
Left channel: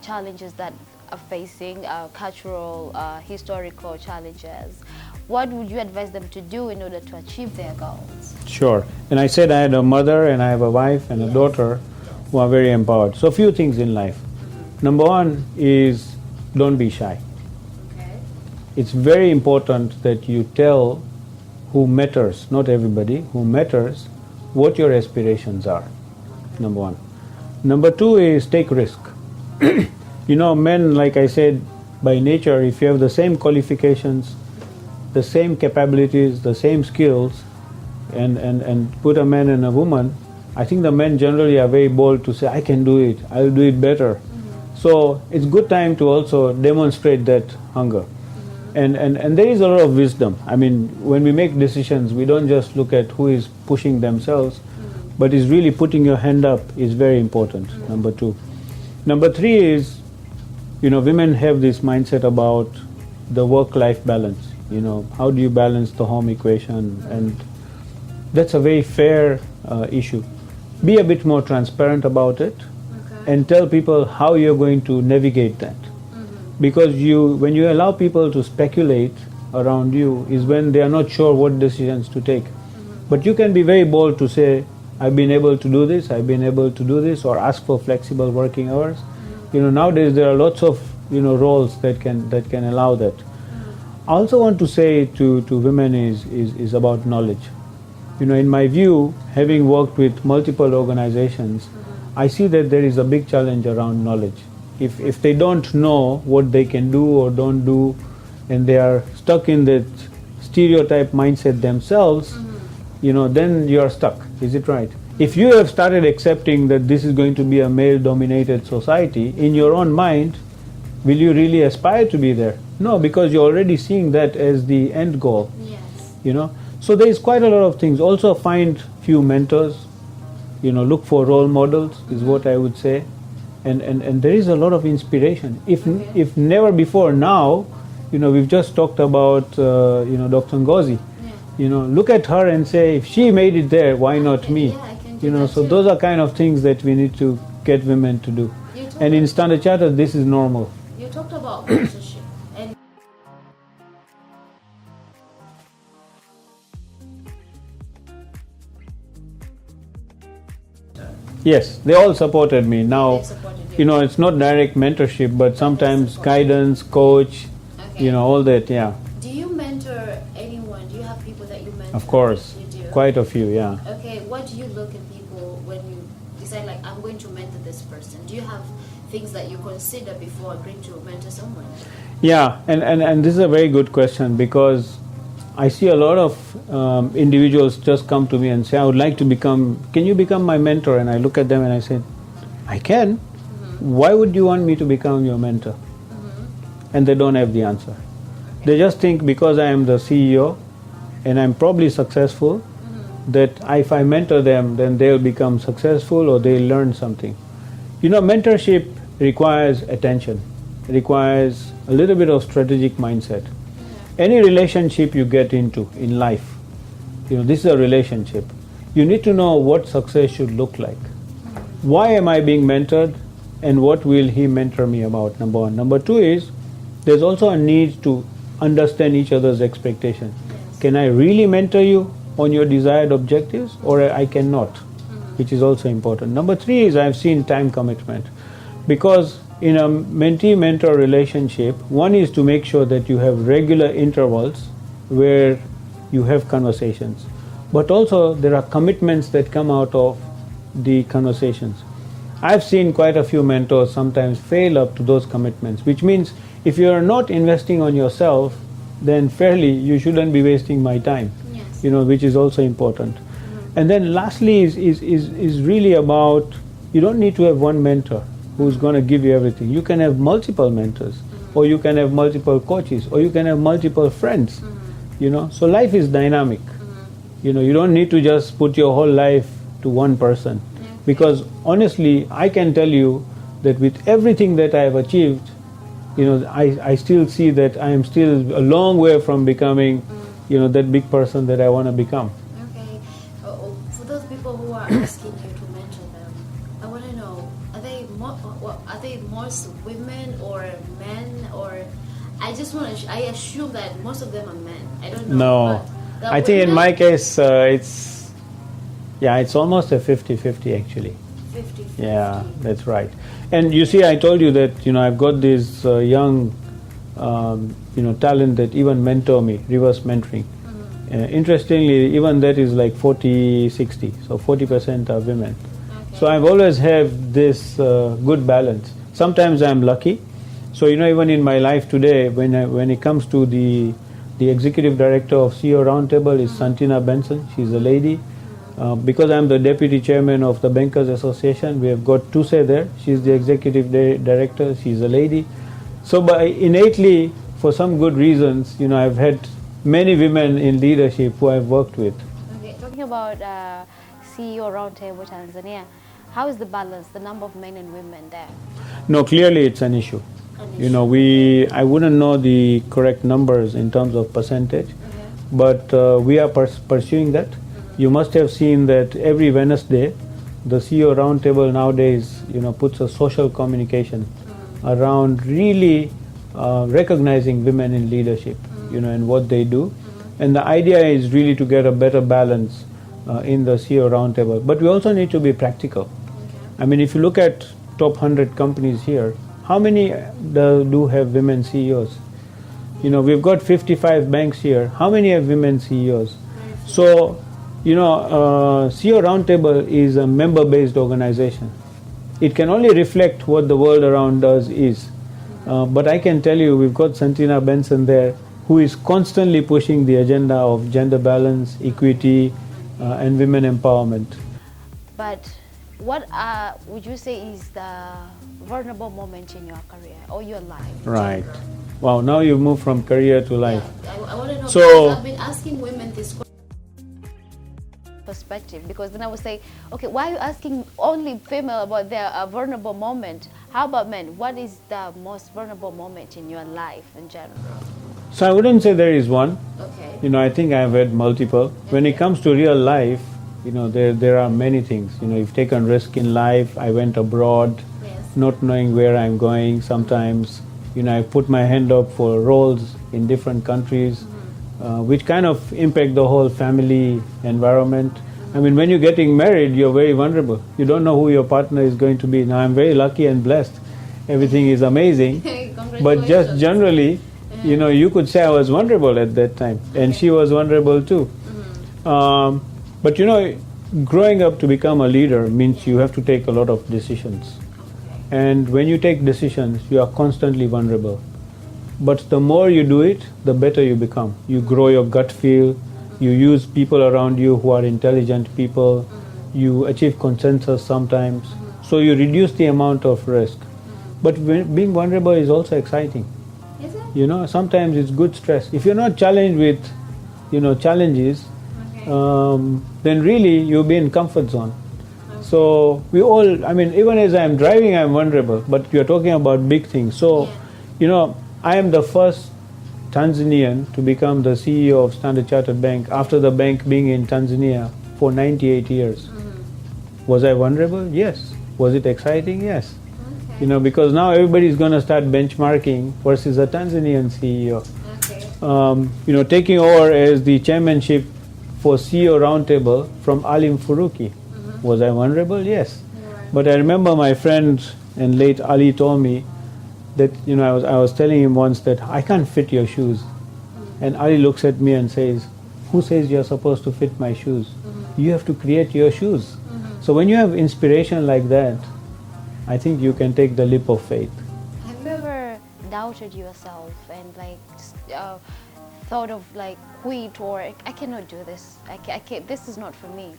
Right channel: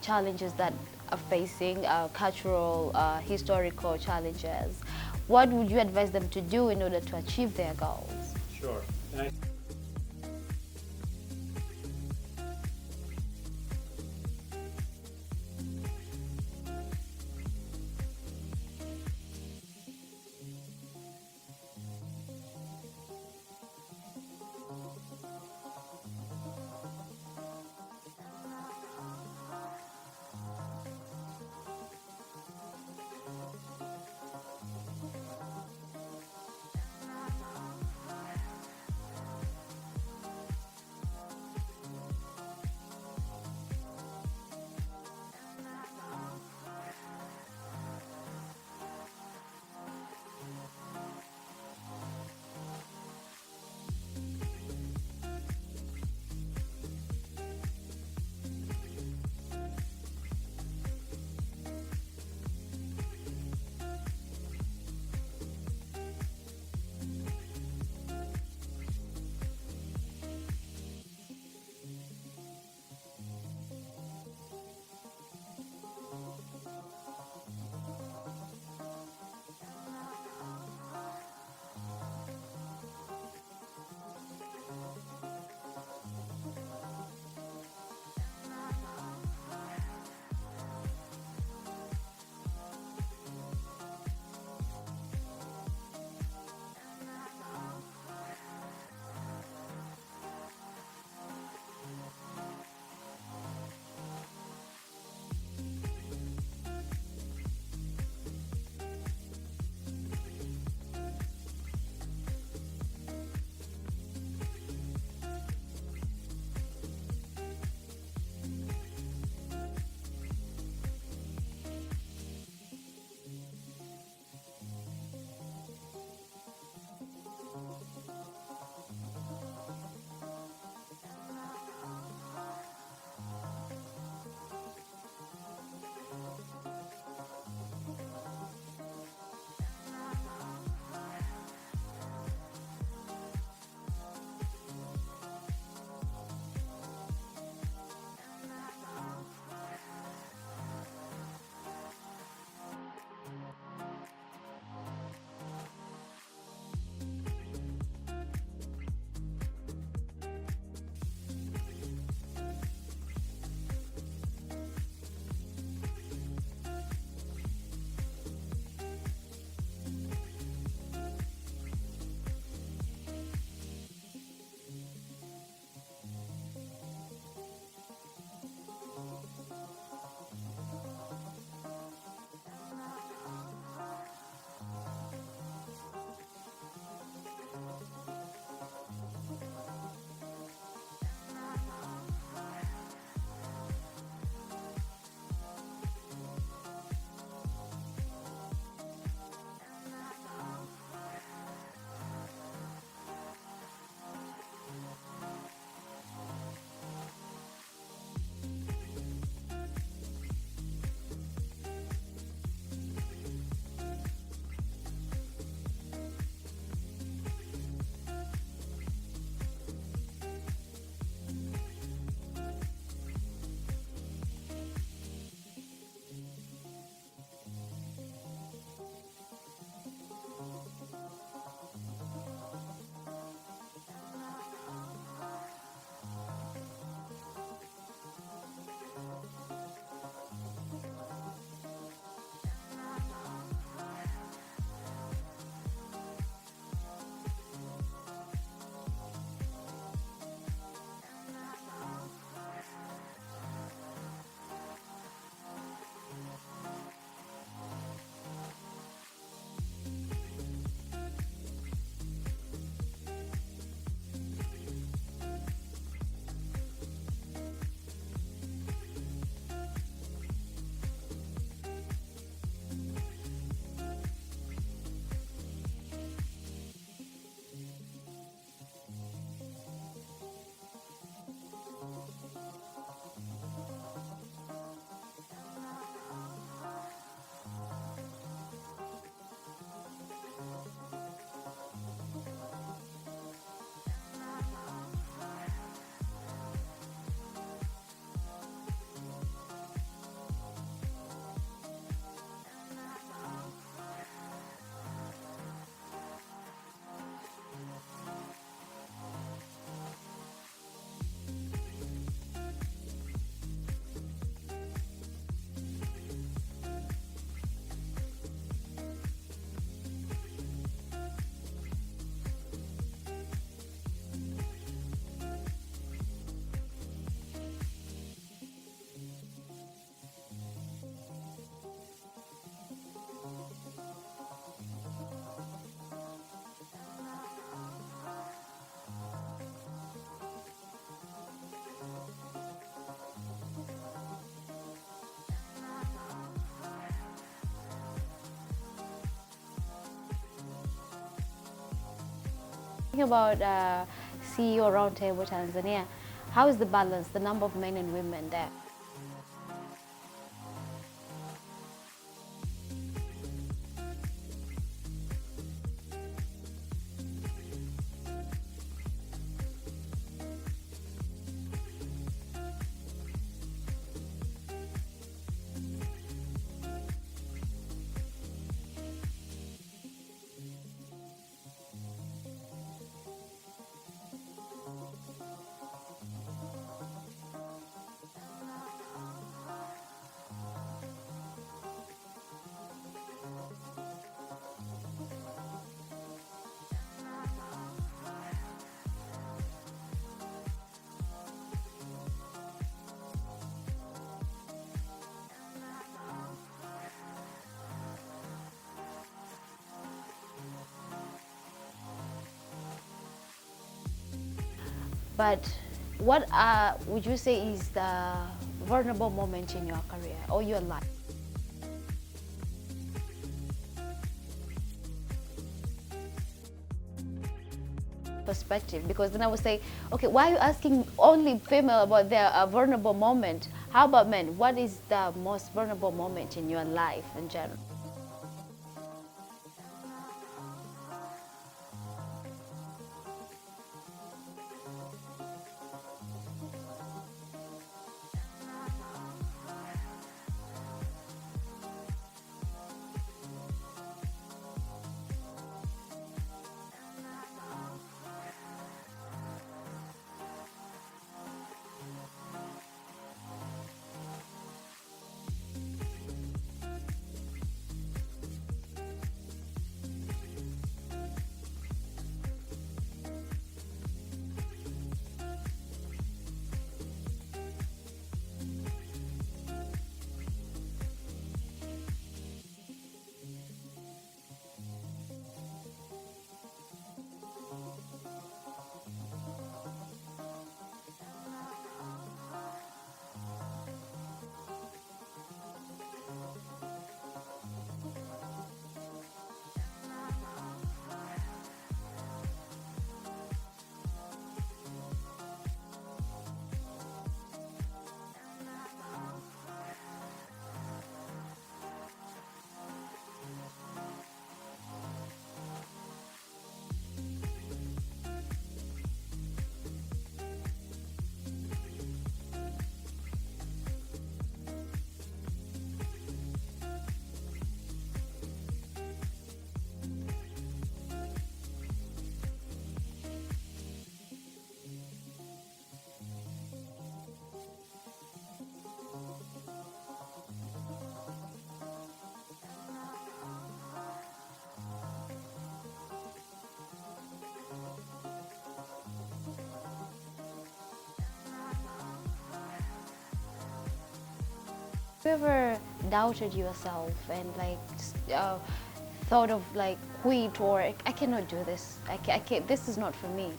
challenges that are facing, cultural, historical challenges? What would you advise them to do in order to achieve their goals? Sure. And I said I had a mother and I have a wife and a daughter who are very empowered. So a few things in life. Number one is don't be shy. Okay. It's very important that you tell who matters, not everybody, who matters, what your aspirations are. Number one. Number two is take risk. Men, like I said, by nature, if you have the same qualifications, the same capabilities, the same skills, and put a man and a woman, I think the men generally are very bold to say, I can do it, I'll do it better. So it's good time to also demonstrate that hunger. And there is a lot of wisdom. I mean, when we make decisions, we don't just look at who is pushing themselves, but is really putting your hand up is very important, number two. Number three is, women have this mindset about the work-life balance. How do you balance the home equation? And that's a very fair issue. Be a bit more transparent about it, and tell people how you're going to navigate that. Because when you allow people to speculate around you is when they are not sure what decisions to take. But you can be very bold to say, I've been able to do this, I've been able to do this, or ask for flexible working hours. Nowadays there are lots of roles that can allow that. I also want to say to women is about knowledge. In my view, having worked with multiple organizations, I see that there is a big challenge around knowledge. If they don't know what they can do or don't do, and they are stuck in that stereotype mindset themselves, then you are stuck. Is it right? If you have started accepting that this is going to be a male-dominated society, in your own mind, will you really aspire to be there? No, because you're already seeing that as the end goal. Yes. You know, so there is quite a lot of things. Also, find few mentors. You know, look for role models is what I would say, and there is a lot of inspiration. If never before now, you know, we've just talked about Dr. Ngozi. Yeah. You know, look at her and say, if she made it there, why not me? Yeah, I can do You know, that so too. those are kind of things that we need to get women to do. You talked And in Standard Chartered, this is normal. You talked about mentorship, and Yes, they all supported me. Now, they supported you. you know, it's not direct mentorship, but sometimes guidance, coach, Okay. you know, all that, yeah. Do you mentor anyone? Do you have people that you mentor? Of course, You do. quite a few, yeah. Okay, what do you look at people when you decide, like, I'm going to mentor this person? Do you have things that you consider before agreeing to mentor someone? Yeah, and this is a very good question, because I see a lot of individuals just come to me and say, I would like to become, can you become my mentor? And I look at them and I say, I can. Why would you want me to become your mentor? And they don't have the answer. They just think because I am the CEO and I'm probably successful, that if I mentor them, then they'll become successful or they'll learn something. You know, mentorship requires attention, requires a little bit of strategic mindset. Any relationship you get into in life, you know, this is a relationship. You need to know what success should look like. Why am I being mentored, and what will he mentor me about? Number one. Number two is, there's also a need to understand each other's expectations. Can I really mentor you on your desired objectives, or I cannot, which is also important. Number three is, I've seen time commitment, because in a mentee-mentor relationship, one is to make sure that you have regular intervals where you have conversations, but also there are commitments that come out of the conversations. I've seen quite a few mentors sometimes fail up to those commitments, which means if you are not investing on yourself, then fairly you shouldn't be wasting my time. Yes. You know, which is also important. And then lastly is really about, you don't need to have one mentor who's going to give you everything. You can have multiple mentors, or you can have multiple coaches, or you can have multiple friends. You know, so life is dynamic. You know, you don't need to just put your whole life to one person, because honestly, I can tell you that with everything that I have achieved, you know, I still see that I am still a long way from becoming, you know, that big person that I want to become. Okay. For those people who are asking you to mentor them, I want to know: are they most women or men? Or I just want to. I assume that most of them are men. I don't know. No, but I think in women- my case, it's almost a 50-50 actually. 50. Yeah, that's right. And you see, I told you that, you know, I've got this young, you know, talent that even mentor me, reverse mentoring. Interestingly, even that is like 40-60, so 40% are women. Okay. So I've always had this good balance. Sometimes I'm lucky. So, you know, even in my life today, when it comes to the executive director of CEO Roundtable is Santina Benson. She's a lady. Because I'm the deputy chairman of the Bankers Association, we have got OThe there. She's the executive director. She's a lady. So, innately, for some good reasons, you know, I've had many women in leadership who I've worked with. Okay. Talking about CEO Roundtable Tanzania, how is the balance, the number of men and women there? No, clearly it's an issue. You know, I wouldn't know the correct numbers in terms of percentage, but we are pursuing that. You must have seen that every Wednesday, the CEO Roundtable nowadays, you know, puts a social communication around really recognizing women in leadership, you know, and what they do. And the idea is really to get a better balance in the CEO Roundtable. But we also need to be practical. I mean, if you look at top 100 companies here, how many do have women CEOs? You know, we've got 55 banks here. How many have women CEOs? So, you know, CEO Roundtable is a member-based organization. It can only reflect what the world around us is. But I can tell you, we've got Santina Benson there, who is constantly pushing the agenda of gender balance, equity, and women empowerment. But what would you say is the vulnerable moment in your career or your life? Right. Wow, now you've moved from career to life. Yeah, I want to know, So- because I've been asking women this perspective, because then I would say, okay, why are you asking only female about their vulnerable moment? How about men? What is the most vulnerable moment in your life in general? So I wouldn't say there is one. Okay. I think I've had multiple. When it comes to real life, there are many things. You've taken risk in life. I went abroad, Yes. not knowing where I'm going. Sometimes, I put my hand up for roles in different countries, which kind of impact the whole family environment. I mean, when you're getting married, you're very vulnerable. You don't know who your partner is going to be. Now, I'm very lucky and blessed. Everything is amazing. But just generally, you could say I was vulnerable at that time, and she was vulnerable too. But growing up to become a leader means you have to take a lot of decisions. And when you take decisions, you are constantly vulnerable. But the more you do it, the better you become. You grow your gut feel, you use people around you who are intelligent people, you achieve consensus sometimes, so you reduce the amount of risk. But being vulnerable is also exciting. Is it? Sometimes it's good stress. If you're not challenged with, challenges, then really you'll be in comfort zone. So we all, even as I'm driving, I'm vulnerable, but you're talking about big things. So, I am the first Tanzanian to become the CEO of Standard Chartered Bank after the bank being in Tanzania for 98 years. Was I vulnerable? Yes. Was it exciting? Yes. Because now everybody's going to start benchmarking versus a Tanzanian CEO. Okay. Taking over as the chairmanship for CEO Roundtable from Alim Furuki. Was I vulnerable? Yes. But I remember my friend and late Ali told me that, I was telling him once that I can't fit your shoes. And Ali looks at me and says, who says you're supposed to fit my shoes? You have to create your shoes. So when you have inspiration like that, I think you can take the leap of faith. Have you ever doubted yourself and thought of quit, or I cannot do this? I can't, this is not for me.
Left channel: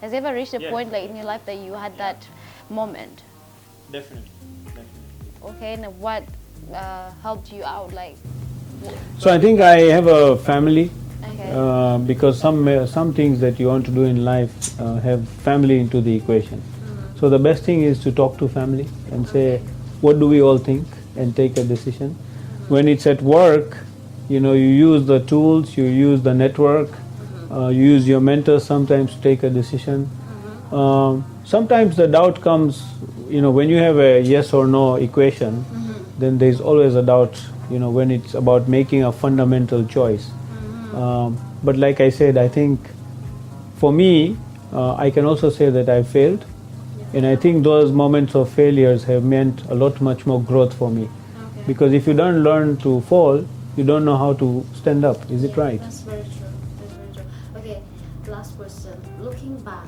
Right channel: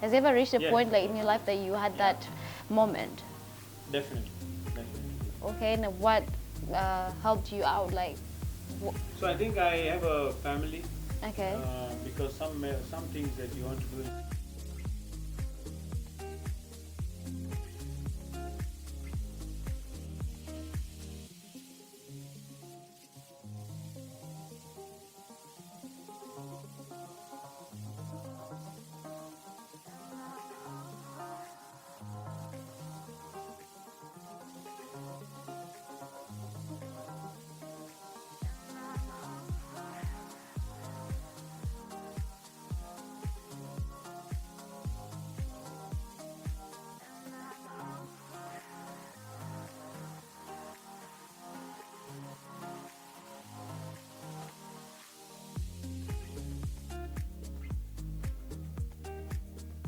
Has it ever reached a point in your life that you had that moment? Definitely. Okay, and what helped you out? So I think I have a family. Okay. Because some things that you want to do in life have family into the equation. So the best thing is to talk to family and say, what do we all think, and take a decision. When it's at work, you use the tools, you use the network, you use your mentors sometimes to take a decision. Sometimes the doubt comes, when you have a yes or no equation, then there's always a doubt, when it's about making a fundamental choice. But like I said, I think for me, I can also say that I failed. And I think those moments of failures have meant a lot much more growth for me. Because if you don't learn to fall, you don't know how to stand up. Is it right? That's very true. That's very true. Okay, last question. Looking back,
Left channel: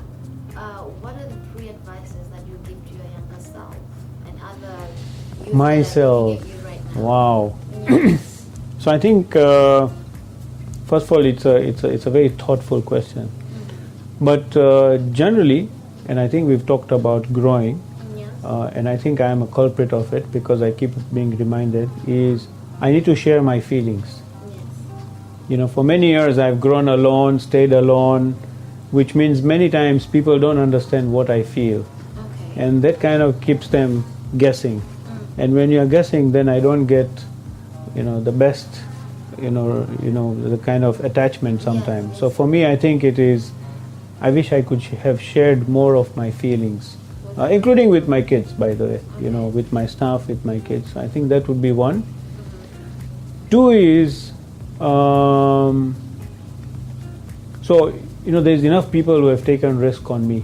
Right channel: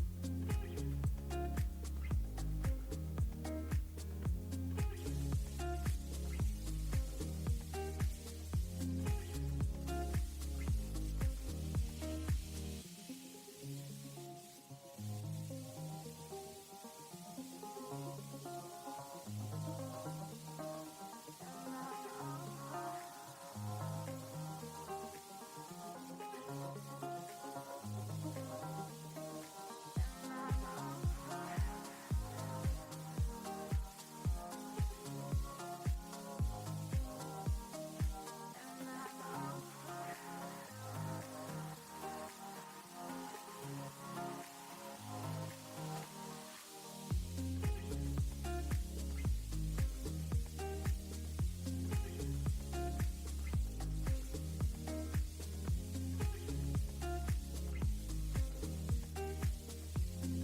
what are the three advices that you give to your younger self and other youth Myself. that you right now? Wow. So I think, first of all, it's a very thoughtful question. But generally, and I think we've talked about growing, Yes. and I think I am a culprit of it because I keep being reminded, is I need to share my feelings. Yes. For many years I've grown alone, stayed alone, which means many times people don't understand what I feel. Okay. And that kind of keeps them guessing. And when you're guessing, then I don't get, the best, the kind of attachment sometimes. So for me, I think it is, I wish I could have shared more of my feelings, including with my kids, by the way, with my staff, with my kids. I think that would be one. Two is, there's enough people who have taken risk on me.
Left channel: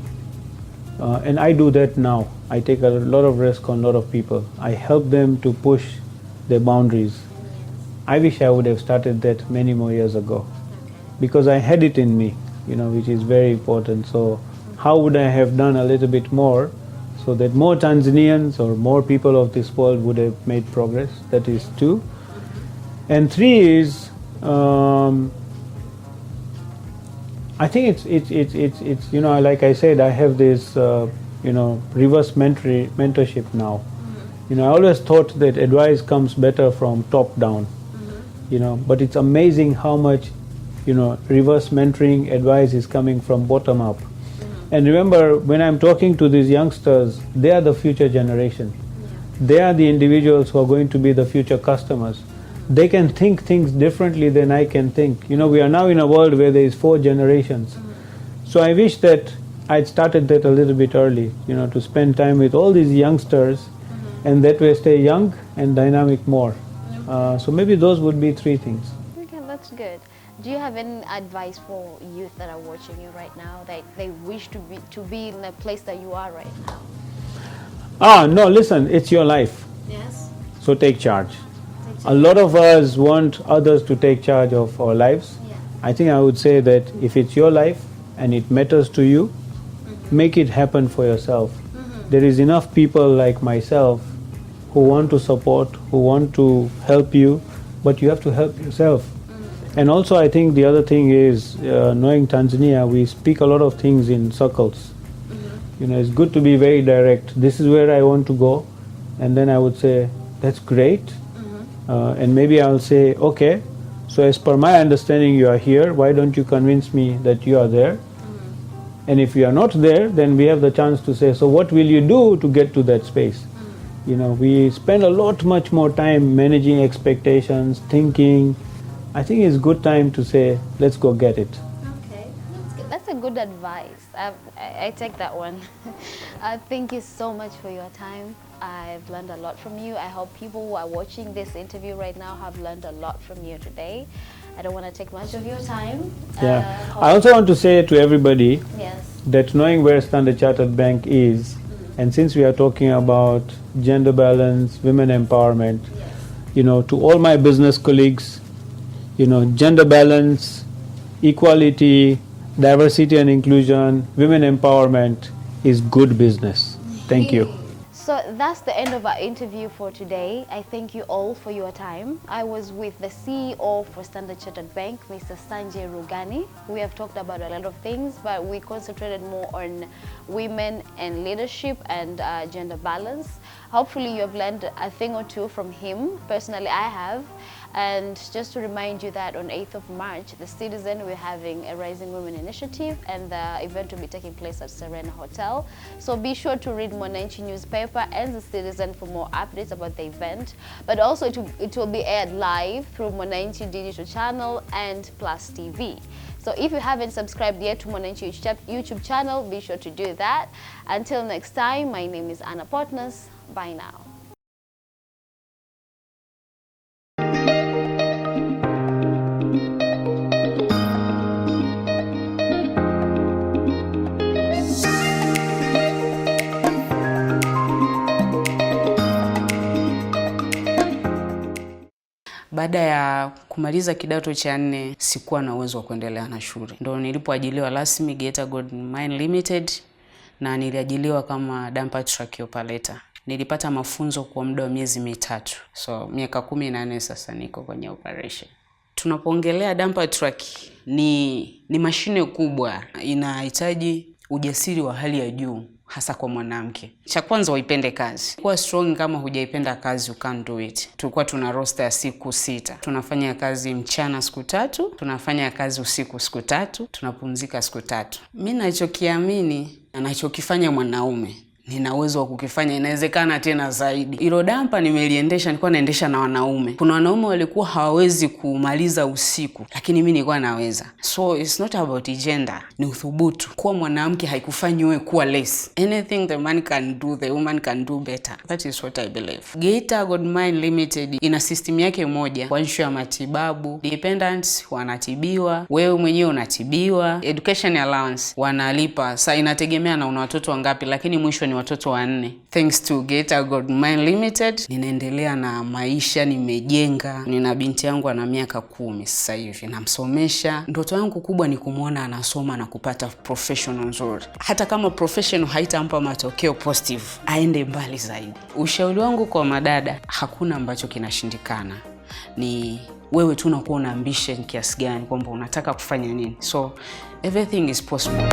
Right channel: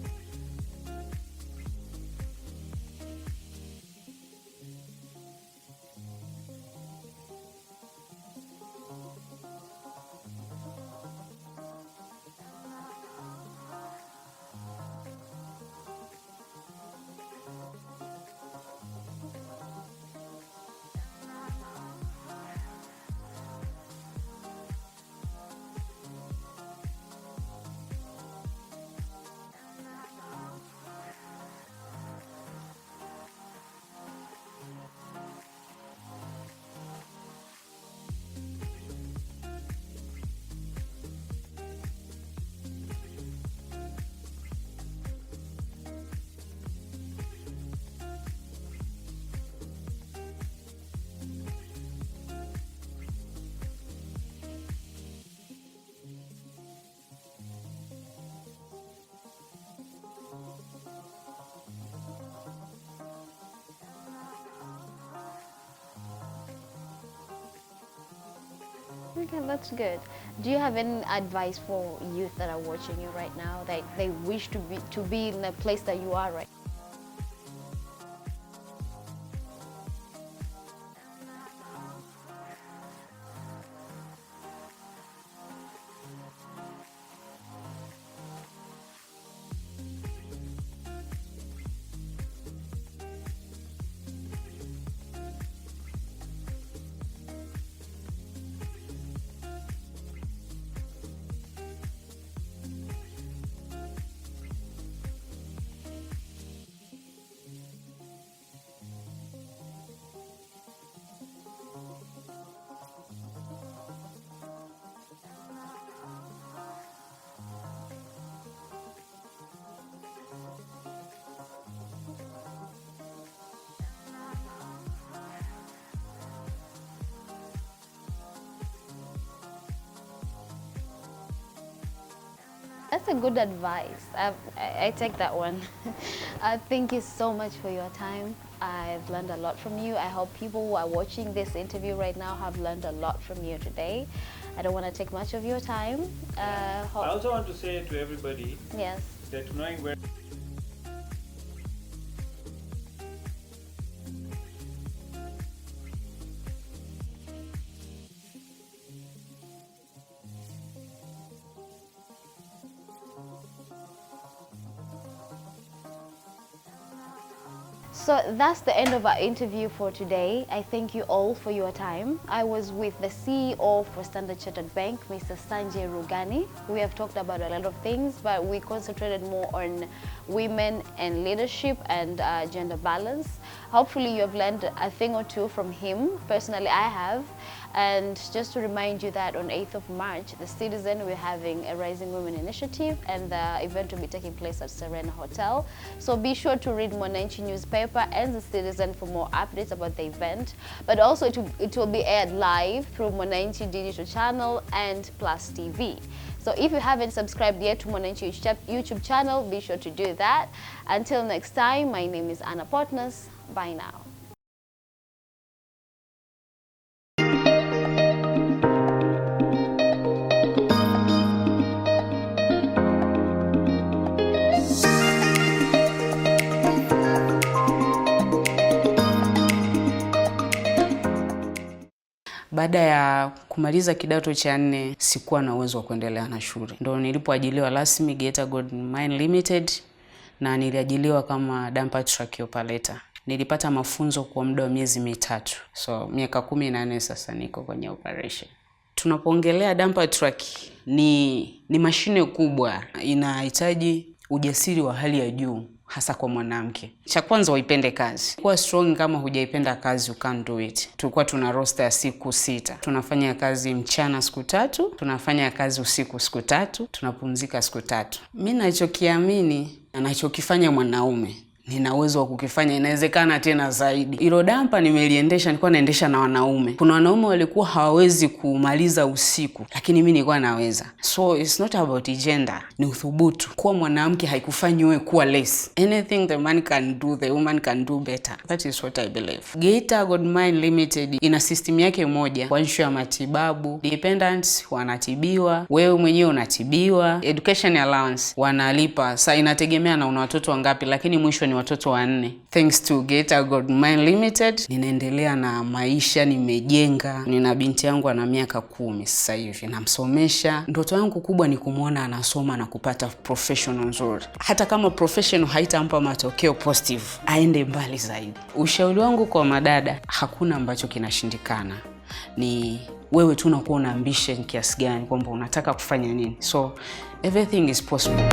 And I do that now. I take a lot of risk on a lot of people. I help them to push their boundaries. I wish I would have started that many more years ago, because I had it in me, which is very important. So how would I have done a little bit more so that more Tanzanians or more people of this world would have made progress? That is two. And three is, I think it's you know, like I said, I have this you know, reverse mentorship now. You know, I always thought that advice comes better from top down. You know, but it's amazing how much, you know, reverse mentoring advice is coming from bottom up. And remember, when I'm talking to these youngsters, they are the future generation. They are the individuals who are going to be the future customers. They can think things differently than I can think. You know, we are now in a world where there is 4 generations. So I wish that I'd started that a little bit early, you know, to spend time with all these youngsters and that way stay young and dynamic more. So maybe those would be 3 things. Okay, that's good. Do you have any advice for youth that are watching you right now that they wish to be in the place that you are right now? No, listen, it's your life. Yes. So take charge. A lot of us want others to take charge of our lives. Yeah. I think I would say that if it's your life and it matters to you, make it happen for yourself. There is enough people like myself who want to support, who want to help you, but you have to help yourself. And also I think the other thing is, knowing Tanzania, we speak a lot of things in circles. You know, it's good to be very direct. This is where I want to go. And then I would say, that's great. And maybe I'll say, okay, so as per my understanding you are here, why don't you convince me that you are there? And if you are not there, then we have the chance to say, so what will you do to get to that space? You know, we spend a lot much more time managing expectations, thinking. I think it's good time to say, let's go get it. Okay, that's a good advice. I take that one. Thank you so much for your time. I've learned a lot from you. I hope people who are watching this interview right now have learned a lot from you today. I don't want to take much of your time. Yeah. I also want to say to everybody yes. that knowing where Standard Chartered Bank is, and since we are talking about gender balance, women empowerment, Yes. you know, to all my business colleagues, you know, gender balance, equality, diversity and inclusion, women empowerment is good business. Thank you. So that's the end of our interview for today. I thank you all for your time. I was with the CEO for Standard Chartered Bank, Mr. Sanjay Rughani. We have talked about a lot of things, but we concentrated more on women and leadership and gender balance. Hopefully you have learned a thing or two from him. Personally, I have. And just to remind you that on 8th of March, the Citizen, we're having a Rising Women Initiative, and the event will be taking place at Serena Hotel. So be sure to read Mwananchi newspaper and the Citizen for more updates about the event. But also it will be aired live through Mwananchi digital channel and Plus TV. So if you haven't subscribed yet to Mwananchi YouTube channel, be sure to do that. Until next time, my name is Anna Potnas. Bye now. Baada ya kumaliza kidato cha 4 sikuwa na uwezo wa kuendelea na shule. Ndio nilipoajiliwa rasmi Geita Gold Mine Limited na niliajiliwa kama dumper truck operator. Nilipata mafunzo kwa muda wa miezi 3. So miaka 18 sasa niko kwenye operation. Tunapoongelea dumper truck ni mashine kubwa, inahitaji ujasiri wa hali ya juu hasa kwa mwanamke. Cha kwanza uipende kazi. Kuwa strong, kama hujaipenda kazi you can't do it. Tulikuwa tuna roster ya siku 6. Tunafanya kazi mchana siku 3, tunafanya kazi usiku siku 3, tunapumzika siku 3. Mimi ninachokiamini, anachokifanya mwanaume nina uwezo wa kukifanya, inawezekana tena zaidi. Hilo dampa nimeliendesha, nilikuwa naendesha na wanaume. Kuna wanaume walikuwa hawawezi kumaliza usiku, lakini mimi nilikuwa naweza. So it's not about gender, ni uthubutu. Kuwa mwanamke haikufanyi wewe kuwa less. Anything the man can do, the woman can do better. That is what I believe. Geita Gold Mine Limited ina system yake moja kwa issue ya matibabu. Dependents wanatibiwa, wewe mwenyewe unatibiwa. Education allowance wanalipa. Sasa inategemea na una watoto wangapi, lakini mwisho ni watoto 4. Thanks to Geita Gold Mine Limited ninaendelea na maisha, nimejenga. Nina binti yangu ana miaka 10 sasa hivi, namsomesha. Ndoto yangu kubwa ni kumuona anasoma na kupata professional nzuri. Hata kama professional haitampa matokeo positive, aende mbali zaidi. Ushauri wangu kwa madada, hakuna ambacho kinashindikana. Ni wewe tu unakuwa una ambition kiasi gani kwamba unataka kufanya nini. So everything is possible.